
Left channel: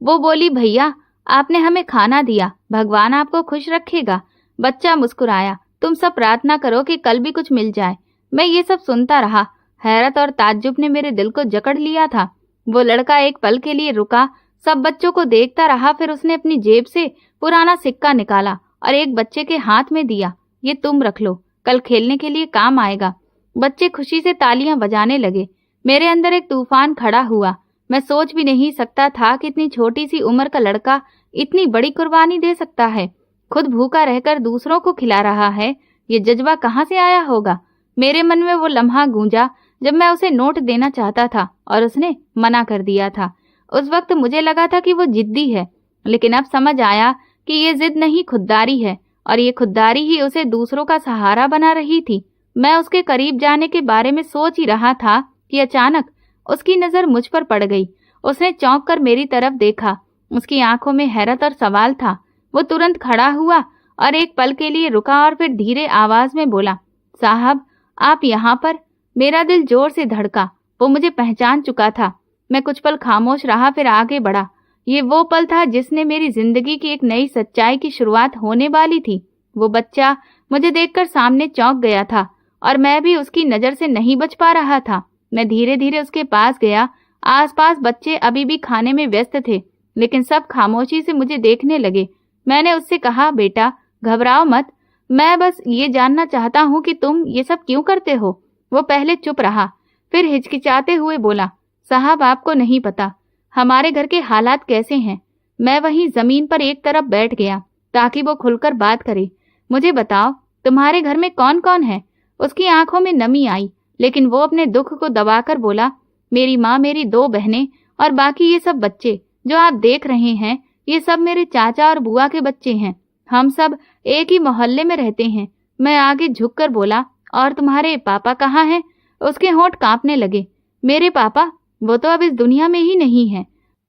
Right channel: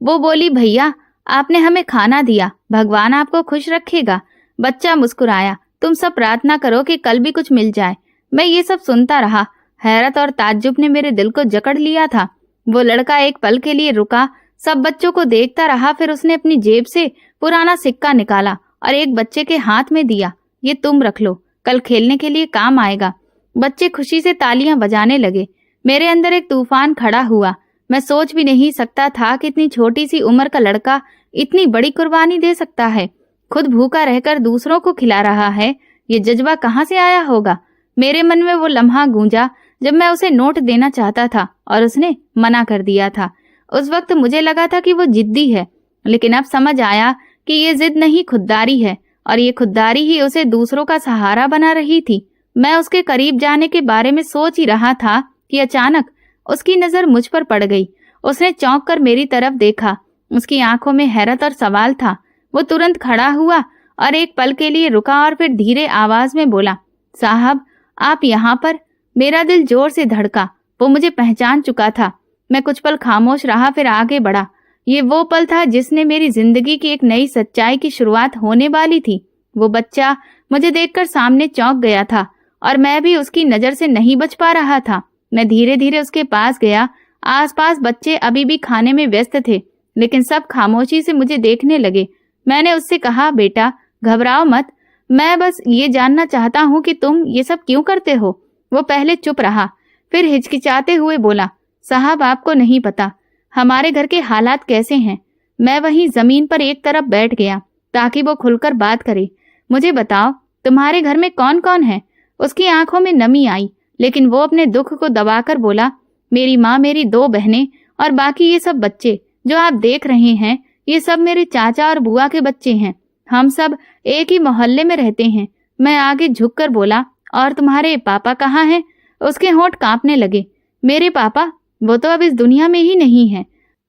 वो बोली, भैया आपने हमें खाना दिया, भगवान आपको खुश रखेगा। बच्चा मुस्कुराया, तुम सब प्रार्थना करो कि कल भी कुछ मिल जाए। मैं ये सब सुनता रहा। हैरत और ताज्जुब ने मेरे दिल को जकड़ लिया था। वो लड़का एक पल के लिए रुका, सब बच्चों को देखता रहा, फिर उसने अपनी जेब से पुराना सिक्का निकाला और एक बच्चे के हाथ में दिया। ये तुम रख लो, कल खेलने के लिए काम आएगा। बच्चे खुशी से तालियां बजाने लगे। मेरे अंदर एक तूफान खड़ा हुआ। मैं सोच भी नहीं सकता था कि इतनी छोटी सी उम्र का लड़का इतनी बड़ी कुर्बानी दे सकता है। खुद भूखा रहकर दूसरों को खिला रहा है। ये जज्बा कहाँ से आया होगा? मेरे मन में वो लम्हा गूंजा जब मैं उसे नोट देना चाहता था और उसने मना कर दिया था। उस वक्त मुझे लगा था कि वो जिद्दी है, लेकिन अब समझ आया कि ये जिद नहीं, खुददारी है, और ये खुददारी ही उसे दूसरों का सहारा बना रही थी। मैं उसके करीब जाने के बारे में सोच ही रहा था कि अचानक उसकी नजर मुझ पर पड़ गई। उसने चौंक कर मेरी तरफ देखा। उसकी आंखों में हैरत और सवाल था। वो तुरंत खड़ा हुआ और एक पल के लिए रुका और फिर धीरे आवाज में बोला, साहब आप यहाँ पर? मेरा दिल जोर से धड़का। वो मुझे पहचान चुका था। मैं कुछ पल खामोश रहा, फिर आगे बढ़ा। ये वो पल था जिसने मेरी जिंदगी की एक नई सच्चाई की शुरुआत होने वाली थी। वो बच्चा मुझे देखकर सामने चौंक गया था और मैं भी उसकी नजर से नहीं बच पा रहा था। मैं धीरे धीरे उसके पास गया। आसपास बच्चे अभी भी खाने में व्यस्त थे, लेकिन सब खामोशी से मुझे देखने लगे। मैंने उससे कहा, बेटा घबराओ मत, मैं बस ये जानना चाहता हूँ कि तुम ये सब क्यों करते हो। वो पहले चुप रहा, फिर हिचकिचाते हुए बोला, साहब आपको नहीं पता हमारे घर के हालात कैसे हैं। मैं वहीं जमीन पर एक तरफ बैठ गया ताकि वो खुलकर बात करे। मुझे बताओ तुम्हारे घर में कौन कौन है? उसकी आंखों में नमी आई, लेकिन वो अपने दुख को दबाकर बोला, मेरी माँ, मेरी 2 बहनें और बाकी ये सब बच्चे जो आप देख रहे हैं, ये सब मेरे चाचा और बुआ के बच्चे हैं। हम सब एक ही मोहल्ले में रहते हैं। मैं आगे झुककर बोला, और तुम्हारे पापा कहाँ हैं? उसके होंठ कांपने लगे। मेरे पापा? वो तो अब इस दुनिया में ही नहीं है।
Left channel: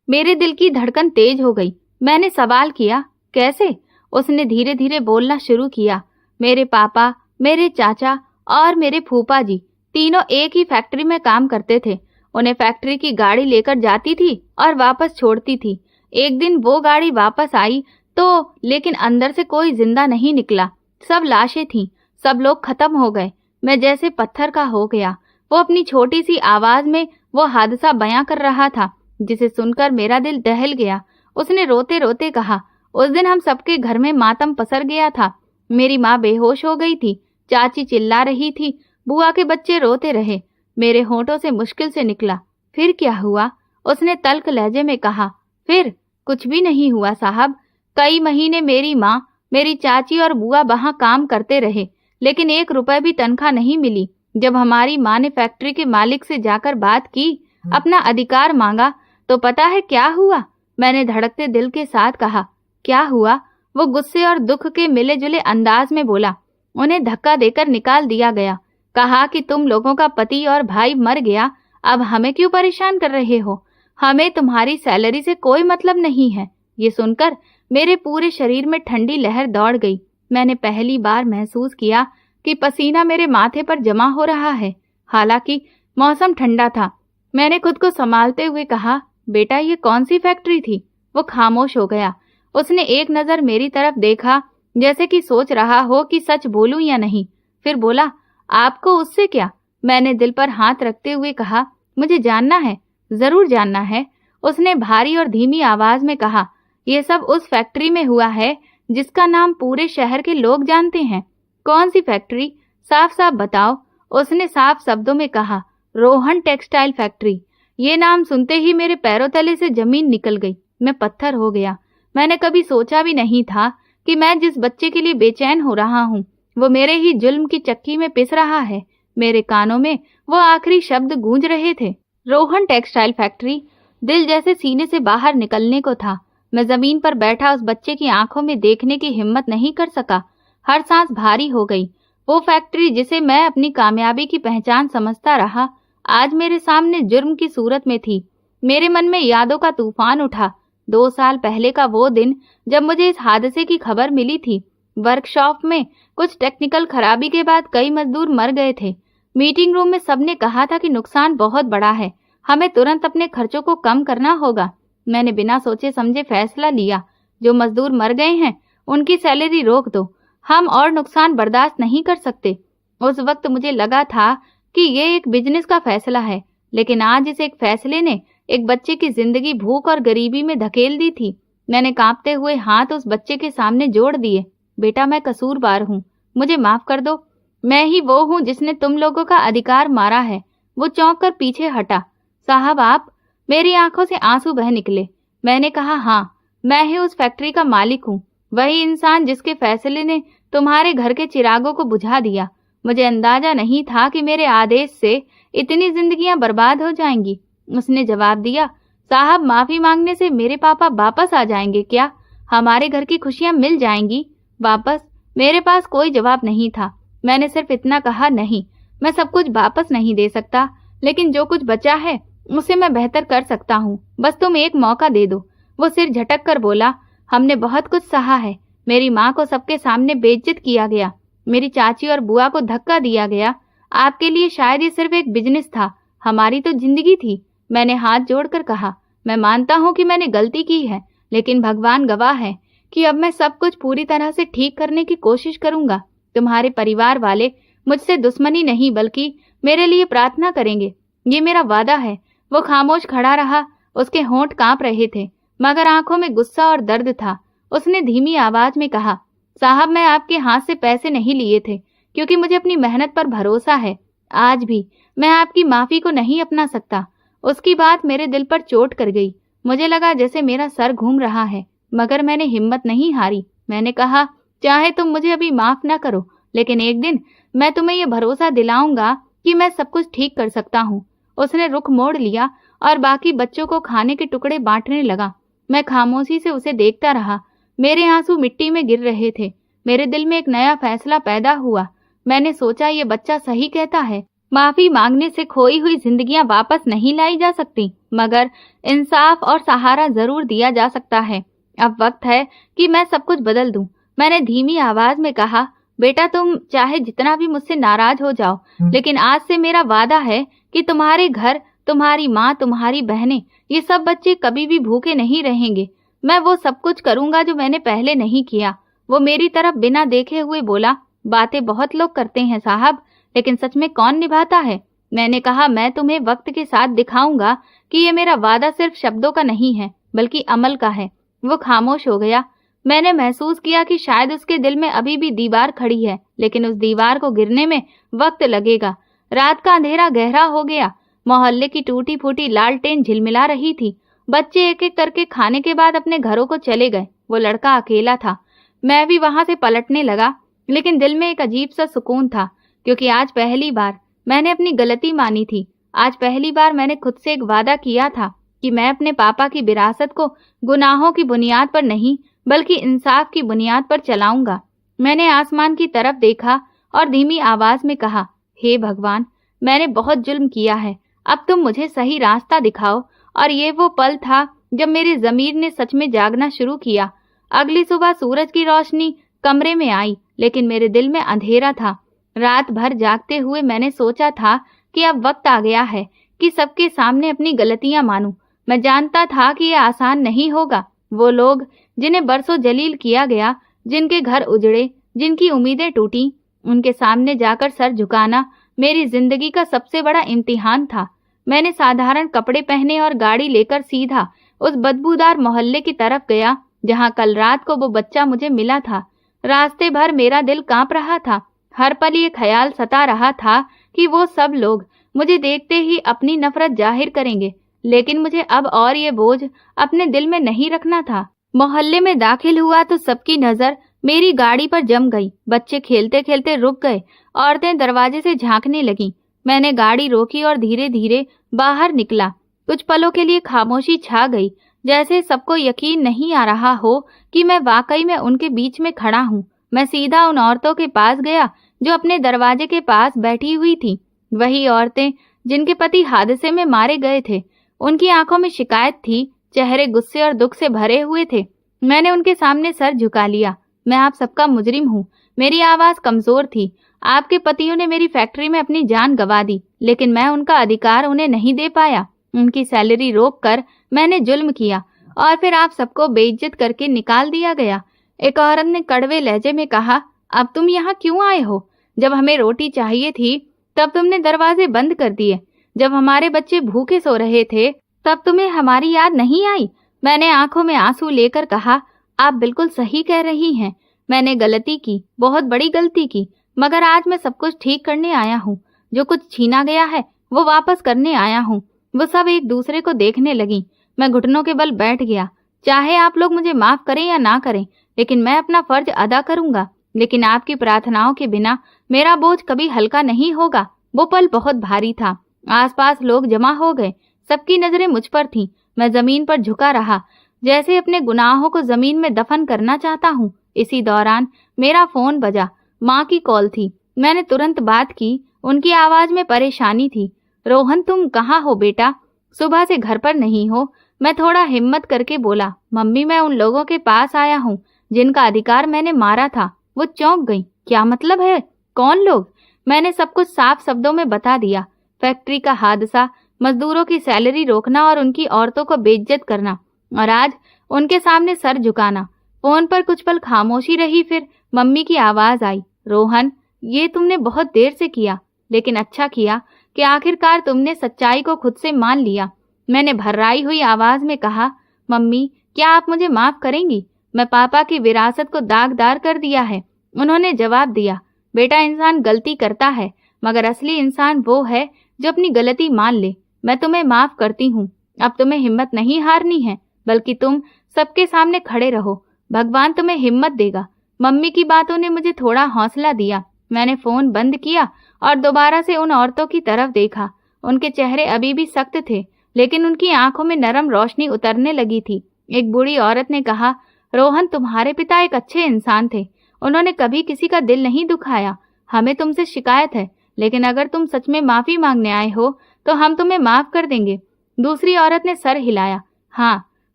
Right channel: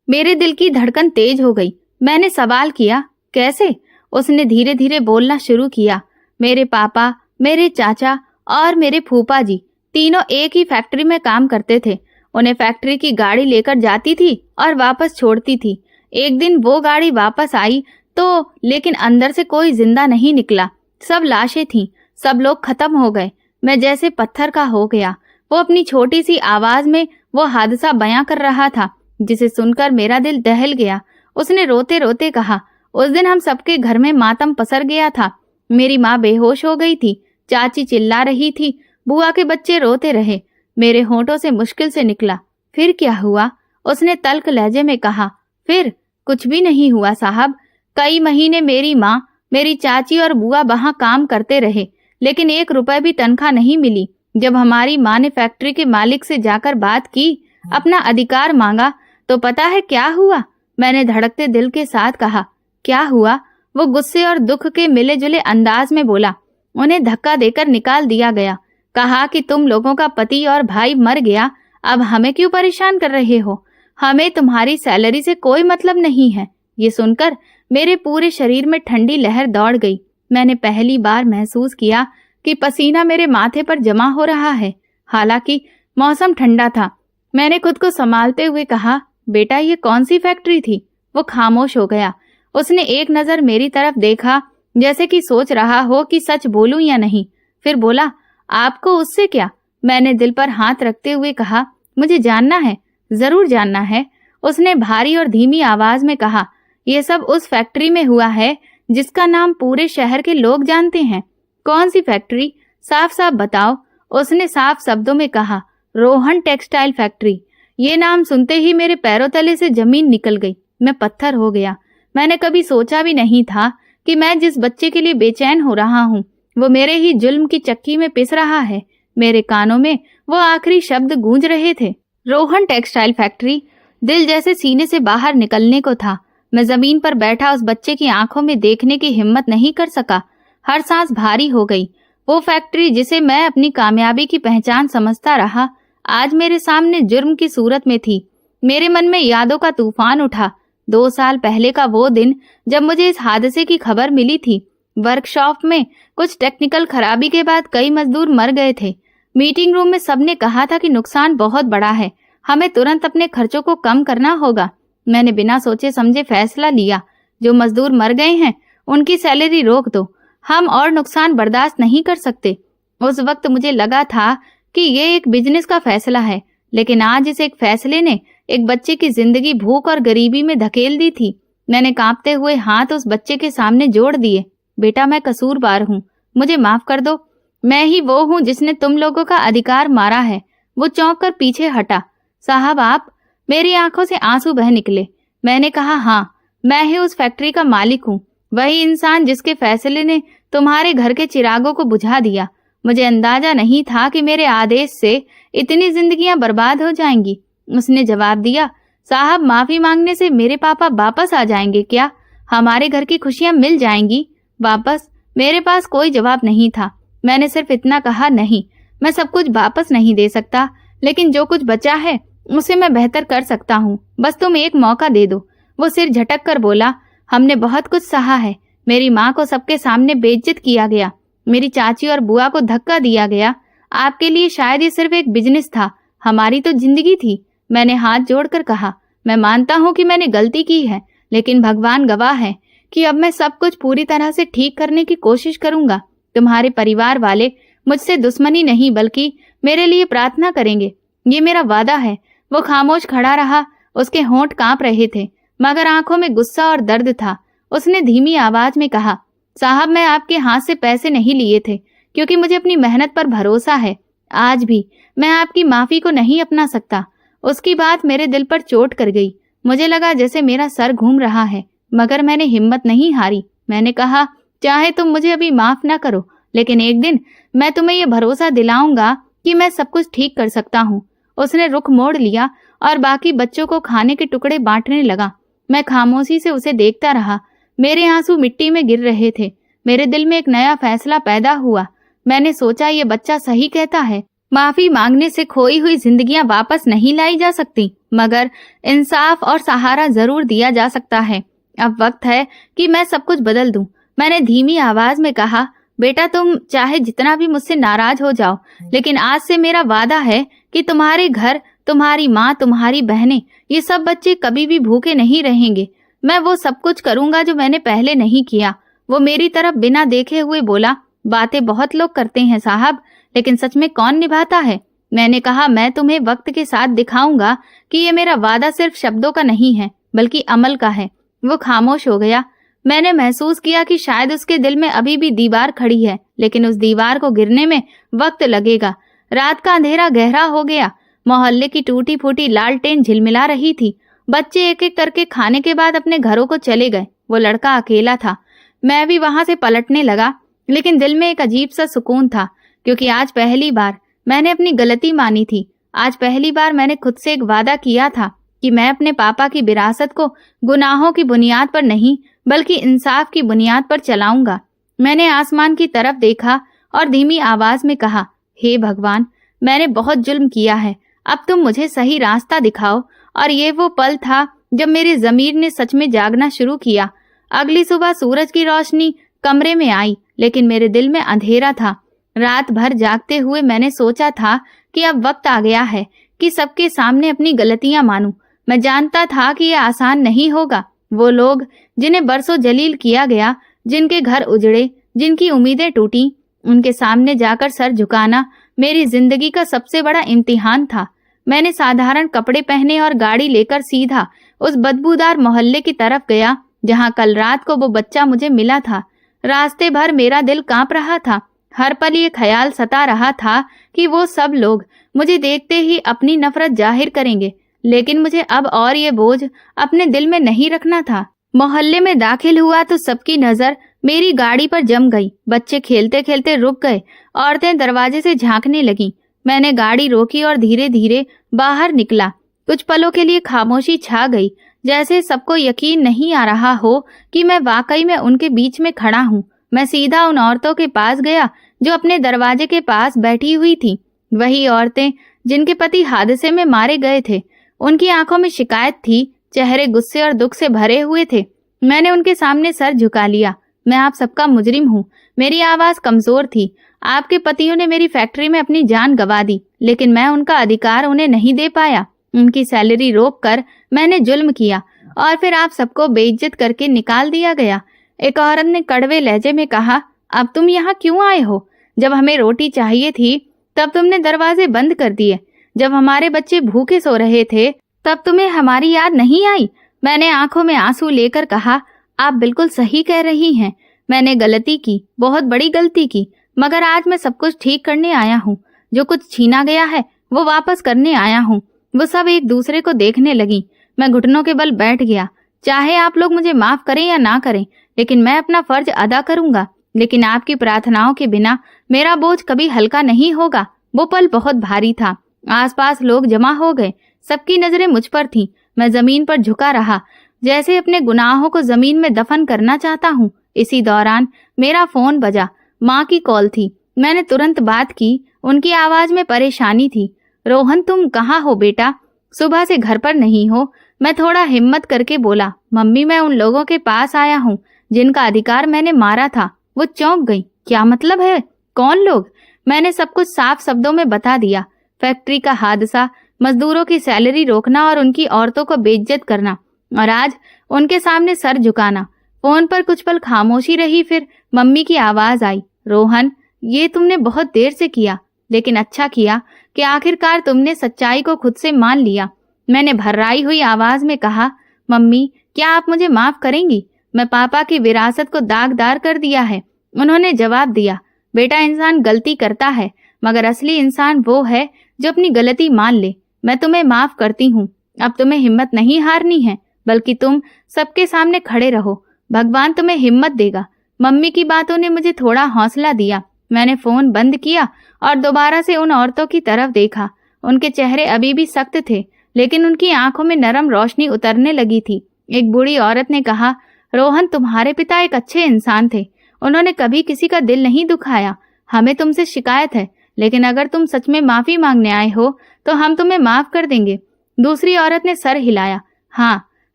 मेरे दिल की धड़कन तेज हो गई। मैंने सवाल किया, कैसे? उसने धीरे धीरे बोलना शुरू किया, मेरे पापा, मेरे चाचा और मेरे फूफा जी तीनों एक ही फैक्ट्री में काम करते थे। उन्हें फैक्ट्री की गाड़ी लेकर जाती थी और वापस छोड़ती थी। एक दिन वो गाड़ी वापस आई तो लेकिन अंदर से कोई जिंदा नहीं निकला। सब लाशें थीं, सब लोग खत्म हो गए। मैं जैसे पत्थर का हो गया। वो अपनी छोटी सी आवाज में वो हादसा बयां कर रहा था, जिसे सुनकर मेरा दिल दहल गया। उसने रोते रोते कहा, उस दिन हम सबके घर में मातम पसर गया था। मेरी माँ बेहोश हो गई थी, चाची चिल्ला रही थी, बुआ के बच्चे रोते रहे। मेरे होंठों से मुश्किल से निकला, फिर क्या हुआ? उसने तल्ख लहजे में कहा, फिर कुछ भी नहीं हुआ साहब। कई महीने मेरी माँ, मेरी चाची और बुआ वहां काम करते रहे, लेकिन 1 रुपए भी तनख्वाह नहीं मिली। जब हमारी माँ ने फैक्ट्री के मालिक से जाकर बात की, अपना अधिकार मांगा, तो पता है क्या हुआ? मैंने धड़कते दिल के साथ कहा, क्या हुआ? वो गुस्से और दुख के मिले जुले अंदाज में बोला, उन्हें धक्का देकर निकाल दिया गया। कहा कि तुम लोगों का पति और भाई मर गया, अब हमें क्यों परेशान कर रहे हो? हमें तुम्हारी सैलरी से कोई मतलब नहीं है। ये सुनकर मेरे पूरे शरीर में ठंडी लहर दौड़ गई। मैंने पहली बार महसूस किया कि पसीना मेरे माथे पर जमा हो रहा है। हालांकि मौसम ठंडा था। मैंने खुद को संभालते हुए कहा, बेटा ये कौन सी फैक्ट्री थी? वो खामोश हो गया। उसने एक नजर मेरी तरफ देखा, जैसे कि सोच रहा हो कि सच बोलूं या नहीं। फिर बोला, आपको उससे क्या? मैंने दिल पर हाथ रखते हुए कहा, मुझे जानना है, जरूर जानना है। उसने भारी और धीमी आवाज में कहा, यह सब उस फैक्ट्री में हुआ है जिसका नाम पूरे शहर के लोग जानते हैं। कौन सी फैक्ट्री? साफ साफ बताओ। उसने साफ शब्दों में कहा, रोहन टेक्सटाइल फैक्ट्री। ये नाम सुनते ही मेरे पैरों तले से जमीन निकल गई। मैं पत्थर हो गया। मैंने कभी सोचा भी नहीं था कि मैं जिस बच्चे के लिए बेचैन हो रहा हूँ, वो मेरे ही जुल्म की चक्की में पिस रहा है। मेरे कानों में वो आखिरी शब्द गूंज रहे थे, रोहन टेक्सटाइल फैक्ट्री। दिल जैसे सीने से बाहर निकलने को था। मैं जमीन पर बैठा उस बच्चे की आंखों में देखने की हिम्मत नहीं कर सका। हर सांस भारी हो गई। वो फैक्ट्री जिसे मैं अपनी कामयाबी की पहचान समझता रहा, आज मेरे सामने जुर्म की सूरत में थी। मेरे मन में यादों का तूफान उठा। 2 साल पहले का वो दिन जब मुझे इस हादसे की खबर मिली थी। वर्कशॉप में कुछ टेक्निकल खराबी के बाद कई मजदूर मर गए थे। मीटिंग रूम में सबने कहा था कि नुकसान बहुत बड़ा है, हमें तुरंत अपने खर्चों को कम करना होगा। मैंने बिना सोचे समझे फैसला लिया, जो मजदूर मर गए हैं उनकी सैलरी रोक दो, हम और नुकसान बर्दाश्त नहीं कर सकते। उस वक्त मुझे लगा था कि ये एक बिजनेस का फैसला है, लेकिन आज इस एक फैसले ने एक बच्चे की जिंदगी भूख और गरीबी में धकेल दी थी। मैंने कांपते हुए हाथ उस बच्चे के सामने जोड़ दिए। बेटा मैं कसूरवार हूँ, मुझे माफ कर दो। मैं ही वो हूँ जिसने तुम लोगों का अधिकार मारा है। वो चौंक कर पीछे हटा। साहब आप? मेरी आंखों से आंसू बह निकले। मैंने कहा, हाँ, मैं ही उस फैक्ट्री का मालिक हूँ, वही इंसान जिसके फैसले ने तुम्हारे घर के चिरागों को बुझा दिया। मुझे अंदाजा नहीं था कि मेरे आदेश से इतनी जिंदगियां बर्बाद हो जाएंगी। उसने जवाब दिया, साहब माफी मांगने से मेरे पापा वापस आ जाएंगे क्या? हमारे घर की खुशियां मिल जाएंगी वापस? मेरे पास कोई जवाब नहीं था। मैंने सिर्फ इतना कहा, नहीं, मैं सब कुछ वापस नहीं दे सकता, लेकिन जो कुछ बचा है उसे मैं बेहतर कर सकता हूँ। बस तुम एक मौका दे दो। वो सिर झटक कर बोला, हमने बहुत कुछ सहा है। मेरी माँ को सबके सामने बेइज्जत किया गया, मेरी चाची और बुआ को धक्का दिया गया। आपके लिए शायद ये सिर्फ एक बिजनेस था, हमारी तो जिंदगी थी। मैंने हाथ जोड़कर कहा, मैं मानता हूँ कि मैंने गलती की है, लेकिन भगवान गवाह है कि अब मैं सब कुछ पूरी तरह से ठीक करने की कोशिश करूंगा। तुम्हारे परिवार वाले मुझसे दुश्मनी नहीं बल्कि मेरे लिए प्रार्थना करेंगे, ये मेरा वादा है। वो खामोश खड़ा रहा। उसके होंठ कांप रहे थे, मगर आंखों में गुस्सा और दर्द था। उसने धीमी आवाज में कहा, साहब मैं आपके हाथ से पैसे नहीं लिए थे, क्योंकि मुझे अपनी मेहनत पर भरोसा है। आज भी मैं आपकी माफी को नहीं अपना सकता। उसकी बात मेरे दिल पर चोट कर गई। मुझे लगा जैसे मेरा सर घूम रहा है, मगर मैंने हिम्मत नहीं हारी। मैंने कहा, चाहे तुम मुझे अभी माफ ना करो, लेकिन एक दिन मैं तुम्हें यह भरोसा दिलाऊंगा कि मैं सब कुछ ठीक कर सकता हूँ। उसने रुख मोड़ लिया और बाकी बच्चों को खाने के टुकड़े बांटने लगा। मैं खामोशी से उसे देखता रहा। मेरे आंसू मिट्टी में गिर रहे थे। मेरे दिल में एक नया फैसला पैदा हुआ। मैंने सोचा, ये बच्चा सही कहता है, माफी मांगने से खोई हुई जिंदगियां वापस नहीं लाई जा सकती, मगर इंसाफ और सहारा जरूर दिया जा सकता है। अब वक्त है कि मैं सब कुछ बदल दूं। मैंने धीमी आवाज में कहा, बेटा तुम चाहे जितना भी मुझसे नाराज हो जाओ, लेकिन आज से मेरा वादा है कि तुम्हारे घर, तुम्हारी माँ, तुम्हारी बहनें, ये सब बच्चे कभी भी भूखे नहीं रहेंगे। मैं वो सब कुछ करूंगा जो मैंने पहले नहीं किया। वो मेरी तरफ बिना देखे हुए बोला, बातें बहुत लोग करते हैं साहब, लेकिन सच में कौन निभाता है। मैंने कहा, मैं तुम्हें वक्त के साथ दिखाऊंगा कि ये मेरा वादा सिर्फ शब्दों का नहीं है बल्कि अमल का है। वो खामोश हो गया। मैंने महसूस किया कि शायद उसके दिल में अभी भी दीवार खड़ी है, लेकिन उस दीवार को गिरने में वक्त लगेगा। रात का अंधेरा गहरा हो गया। मोहल्ले की टूटी फूटी लालटेन झिलमिला रही थी। बच्चे एक एक करके खाने के बाद अपने घरों को चले गए। वो लड़का अकेला था। मैं भी वहां से पलटने लगा, लेकिन दिल में एक अजीब सा सुकून था, क्योंकि आज पहली बार मैंने अपनी गलती मानी थी। आज पहली बार मैंने खुद से एक वादा किया था कि मैं अपने पापा की विरासत को गुनाहों की बुनियाद पर नहीं बल्कि इंसाफ की बुनियाद पर चलाऊंगा। मैंने आसमान की तरफ देखा और धीमी आवाज में कहा, हे भगवान, मैंने बहुत जुल्म किया है, अब तुम मुझे सही रास्ता दिखाओ। और ये वो पल था जब मेरी ज़मीर ने सच में जागना शुरू किया। अगली सुबह सूरज की रोशनी कमरे में आई, लेकिन मेरे दिल में अंधेरा था। रात भर जागते हुए मैंने सोचा था कि अब वक्त आ गया है कि सबके सामने अपनी गलतियां मानूं। मैं जानता था कि यह आसान नहीं होगा। वो लोग जिन्हें बरसों जलील किया गया, जिनके घर उजड़े, जिनकी उम्मीदें टूटी, उनके सामने जाकर सर झुकाना मेरी जिंदगी का सबसे बड़ा इम्तिहान था। मैंने साधारण कपड़े पहने और गाड़ी लेकर सीधा उस बदबूदार मोहल्ले की तरफ गया जहां कल रात को वो बच्चा मुझे मिला था। रास्ते भर मेरा दिल कांप रहा था। हर पल ये ख्याल सता रहा था कि वो सब लोग मुझे देखते ही अपनी नफरत जाहिर करेंगे, लेकिन मुझे अब और ये बोझ अपने दिल में नहीं रखना था। मोहल्ले में दाखिल हुआ तो सबकी नजर मेरी गाड़ी पर जम गई। बच्चे खेलते खेलते रुक गए, औरतें दरवाजे से झांकने लगीं। मैंने गाड़ी रोकी और धीरे धीरे बाहर निकला। कुछ पलों के लिए खामोशी छा गई, जैसे सबको यकीन नहीं आ रहा हो कि मैं वाकई में उनके बीच में खड़ा हूँ। मैं सीधा उन औरतों के पास गया जो अपने दरवाजे के पास बैठी हुई थी। वही औरतें जिनके पति हादसे में मारे गए थे। उनकी आंखों में शिकायत थी, चेहरे गुस्से और दुख से भरे हुए थे। मैंने उनके सामने सर झुका लिया। मैं आप सबका मुजरिम हूँ। मेरी आवाज कमजोर थी। आपके पतियों ने मेरी फैक्ट्री में अपनी जान गंवा दी, लेकिन मैं उनका अधिकार उन्हें नहीं दे पाया। उनकी सैलरी रोक कर मैंने जुल्म किया और फिर आप सबको बेइज्जत करके निकाल दिया गया। एक औरत ने कड़वे लहजे में कहा, अब तुम यहाँ क्यों आए हो? जब हमें रोटी चाहिए थी तब तुमने दरवाजे बंद कर दिए। जब हमारे बच्चे भूखे सो रहे थे तब तुम्हें हमारी याद नहीं आई। मैंने आंखों में आंसू लेकर कहा, आप बिल्कुल सही कह रही हैं। मैंने गलती की, बहुत बड़ी गलती की, मगर आज मैं सब कुछ ठीक करने आया हूँ। जो कुछ छीना गया है वो वापस करने आया हूँ। वो सब एक दूसरे को देखने लगी। मैं घुटनों के बल बैठ गया। चाहे आप लोग मुझे माफ करें या ना करें, लेकिन मैं अपना फर्ज अदा करूंगा। लेकिन आपकी प्रार्थनाओं के बिना मेरा बोझ कभी हल्का नहीं होगा। वो पल बहुत भारी था। आसपास लोग जमा हो गए। सबकी नजरें मुझ पर थीं। मैं जमीन पर झुका रहा, जैसे अपने गुनाहों को जमीन में दफन करना चाहता हूँ। इसी दौरान मेरा फोन बजा। माँ की कॉल थी। मैंने तुरंत बात की। उनकी आवाज में परेशानी थी। रोहन, तुम कहाँ हो बेटा? सुबह से घर पर नहीं हो? मैं थोड़ा हिम्मत करके बोला, मम्मी, मैं उन लोगों के पास आया हूँ जिनका अधिकार मैंने मारा था। वो चौंक गई। क्या मतलब है? कौन लोग? मैंने सब कुछ साफ शब्दों में बता दिया। फैक्ट्री का हादसा, मजदूरों की सैलरी रोकना और उनकी औरतों को बेइज्जत करना, और आज उनके सामने सर झुकाना। फोन पर कुछ पल खामोशी रही, फिर मम्मी की आवाज आई, रोहन, ये तुमने बहुत देर से किया, लेकिन अच्छा किया कि आखिरकार तुमने सच्चाई को खुद से मान लिया। मैंने भर्राई हुई आवाज में कहा, मम्मी, क्या आप मुझे माफ करेंगी? मैं पापा की विरासत को दागदार कर दिया है। उन्होंने जवाब दिया, बेटा, इंसान गलती करता है, मगर असली इंसान वो है जो अपनी गलती मान ले। मैं तुम्हें माफ करती हूँ। अब तुम्हें हिम्मत नहीं हारनी है, बल्कि तुम सबके सामने खड़े रहो। भगवान तुम्हें हिम्मत देगा। मम्मी की बातों ने मुझे थोड़ा हौसला दिया। मैंने फोन बंद किया और दोबारा से उन औरतों की तरफ देखा। उनके चेहरे अभी भी सख्त थे, लेकिन उनकी आंखों में नरम रोशनी उतरने लगी थी। एक बूढ़ी औरत ने कहा, रोहन, तुम्हारे पिता एक अच्छे इंसान थे। उन्होंने कभी किसी का दिल नहीं दुखाया। हमें तुमसे शिकायत है, लेकिन अगर तुम सच में माफी मांगने आए हो तो हम तुम्हें माफ कर देंगे। दूसरी औरत ने सर हिलाया। हाँ,